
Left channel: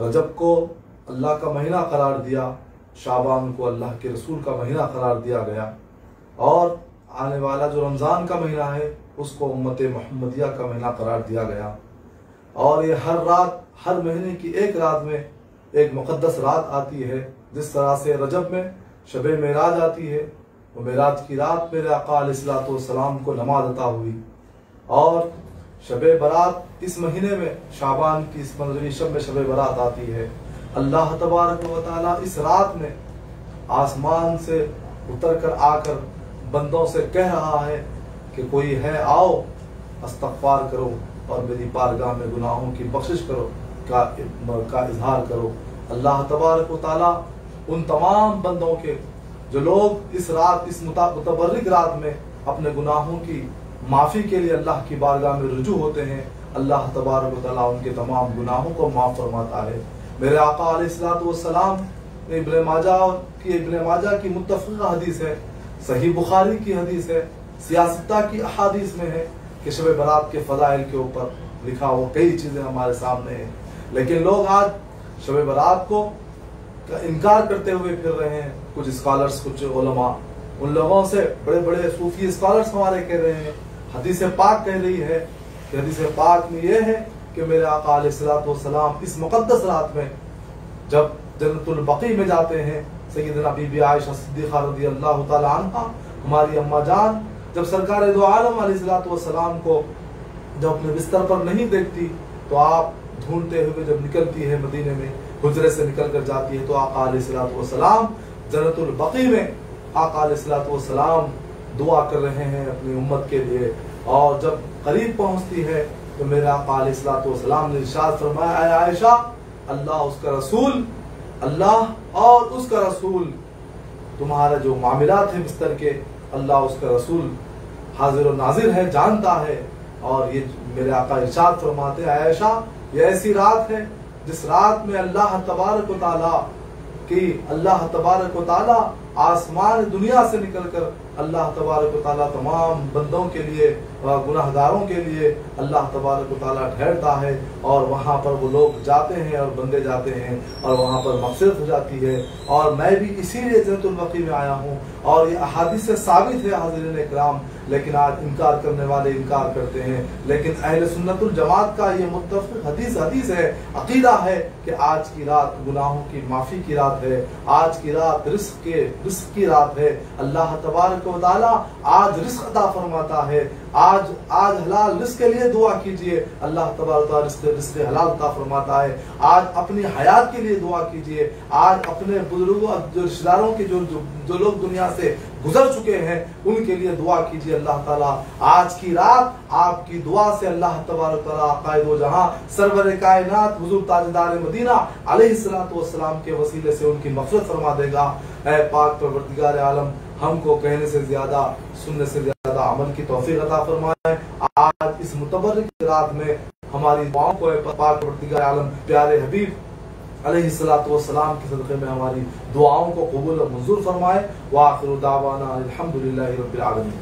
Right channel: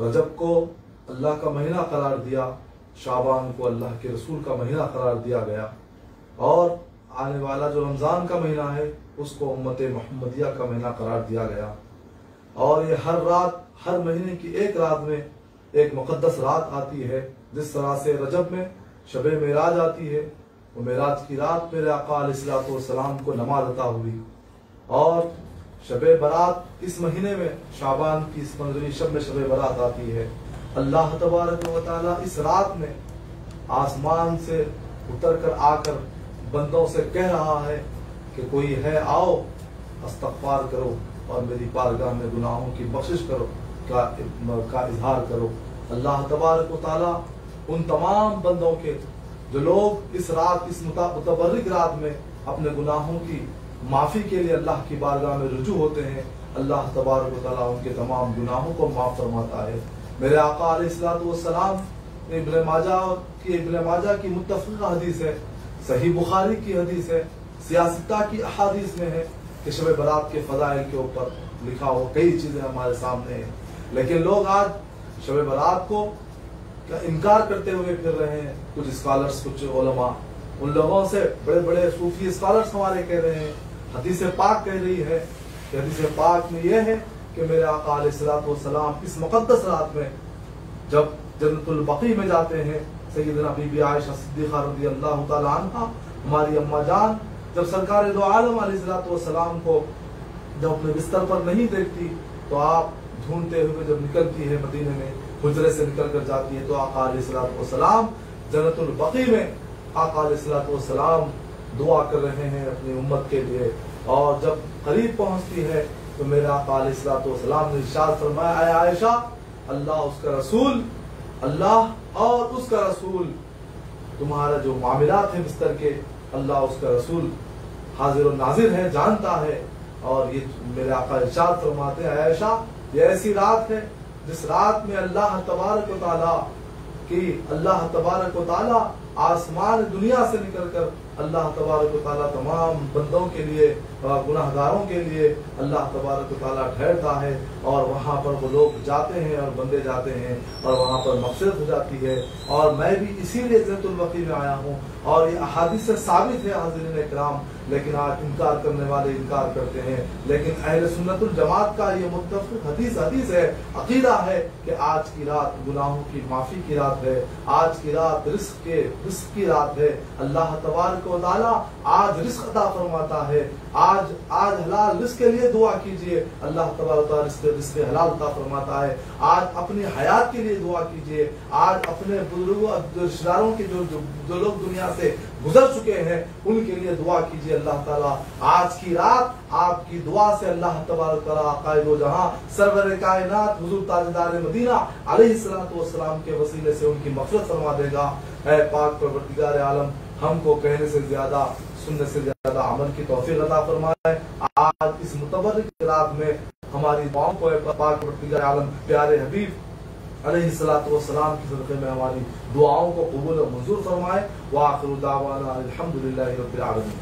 रजब को अल्लाह का महीना करार दिया, शाबान को अल्लाह के रसूल का महीना करार दिया गया, और आने वाला जो रमजान का महीना है उसको उम्मत मोहम्मदिया का महीना करार दिया गया। और ये हर रात, हर महीने की एक रात में एक मुकद्दस रात आती है। जिस तरह से रजब में शबे मेराज आती है, वो मेराज की रात मेरे आका अलैहिस्सलातु वस्सलाम को नमाज अता हुई, और शबे बरात इस महीने में शाबान की इस मंजरी शब में शबे बरात आती है। अल्लाह तबारक व तआला इस रात में आसमान से उतर कर आकर बंदों से कह रहा है कि कोई है, आओ इस्तग़फ़ार करो और मेरी बारगाह में गुनाहों की बख्शिश करो का इजहार करो। अल्लाह तबारक व तआला उन तमाम बंदों के जो लोग इस रात, इस मुतबर्रिक रात में अपने गुनाहों की माफी के लिए अल्लाह की बारगाह में रुजू होते हैं, अल्लाह तबारक व तआला उनके तमाम गुनाहों को माफ फरमाता है। मेरे आका अलैहिस्सलातु वस्सलाम इब्न माजा की मुत्तफ़क़ हदीस है, सही बुखारी की हदीस है, सियासता की अहादीस में है कि शब बरात के फजाइल के ऊपर लिखा हो, कई चीजें हमारे सामने हैं। लेकिन लोग आज शब बरात को इनकार करते हुए फिर रहे हैं। कुछ स्कॉलर्स, कुछ उलमा, उन लोगों से बड़े बड़े सूफी स्कॉलर्स हमारे कह रहे हैं, हदीस पाक कह रही है, हदीस पाक में यह है कि मेरे आका अलैहिस्सलातु वस्सलाम इस मुकद्दस रात में जब जन्नतुल बकी में जाते हैं, सय्यदना बीबी आयशा सिद्दीक़ा रज़ियल्लाहु तआला अन्हा, हमारी अम्मा जान, जब सरकार दो आलम अलैहिस्सलातु वस्सलाम को जब अपने बिस्तर पर नहीं देखती तो आप ढूंढते हुए जब निकलती है मदीने में, हुजरे से निकल कर जाती है, तो आका अलैहिस्सलातु वस्सलाम जन्नतुल बकी में आका अलैहिस्सलातु वस्सलाम दुआ कर रहे हैं अपनी उम्मत के लिए। और जब करीब पहुंचती है तो मेरे आका अलैहिस्सलातु वस्सलाम ने इरशाद फरमाया, ऐ आयशा, अल्लाह उसका रसूल, अल्लाह और उसका रसूल, तुम्हारा जो मामलात है बिस्तर के, अल्लाह उसका रसूल हाजिर और नाजिर है, जानता है। और ये मेरे आका इरशाद फरमाते हैं, आयशा, ये ऐसी रात है जिस रात में अल्लाह तबारक व तआला आसमान दुनिया से निकलकर अल्लाह तबारक व तआला तमाम बंदों के लिए, गुनाहगारों के लिए अल्लाह तबारक व तआला ठहरता है, और वहां पर वो लोग जाते हैं और बंदे जाते हैं, और वहां पर मग़फ़िरत हो जाती है। और मैं भी इसीलिए जन्नतुल बकी में आया हूँ, और ये अहादीस से साबित है हाज़िरीन इकराम। लेकिन आज इनकार करने वाले इनकार करते हैं, लेकिन अहले सुन्नतुल जमात का ये मुत्तफ़क़ हदीस है, अकीदा है कि आज की रात गुनाहों की माफी की रात है, आज की रात रिस्क की रात है। अल्लाह तबारक व तआला आज रिस्क अता फरमाता है। आज हलाल रिस्क के लिए दुआ कीजिए, अल्लाह तबारक व तआला रिस्क हलाल अता फरमाता है। आज अपनी हयात के लिए दुआ कीजिए, आज अपने बुजुर्गों, रिश्तेदारों के जो लोग दुनिया से गुजर चुके हैं उनके लिए दुआ कीजिए। अल्लाह ताला आज की रात आपकी दुआ से अल्लाह तबारक व तआला आक़ाए दो जहां सरवर कायनात हुजूर ताजदार मदीना अलैहिस्सलातु वस्सलाम के वसीले से उनकी मग़फ़िरत फरमा देगा। ऐ पाक परवरदिगार आलम, हमको कहने से ज्यादा, सुनने से ज्यादा अमल की तौफीक अता फरमाए। आज इस मुतबर्रिक रात में हमारी दुआओं को पाक परवरदिगार आलम प्यारे हबीब अलैहिस्सलातु वस्सलाम के सदक़े में हमारी दुआओं को कबूल और मंजूर फरमाए। व आखिरु दावाना अल्हम्दुलिल्लाहि रब्बिल आलमीन।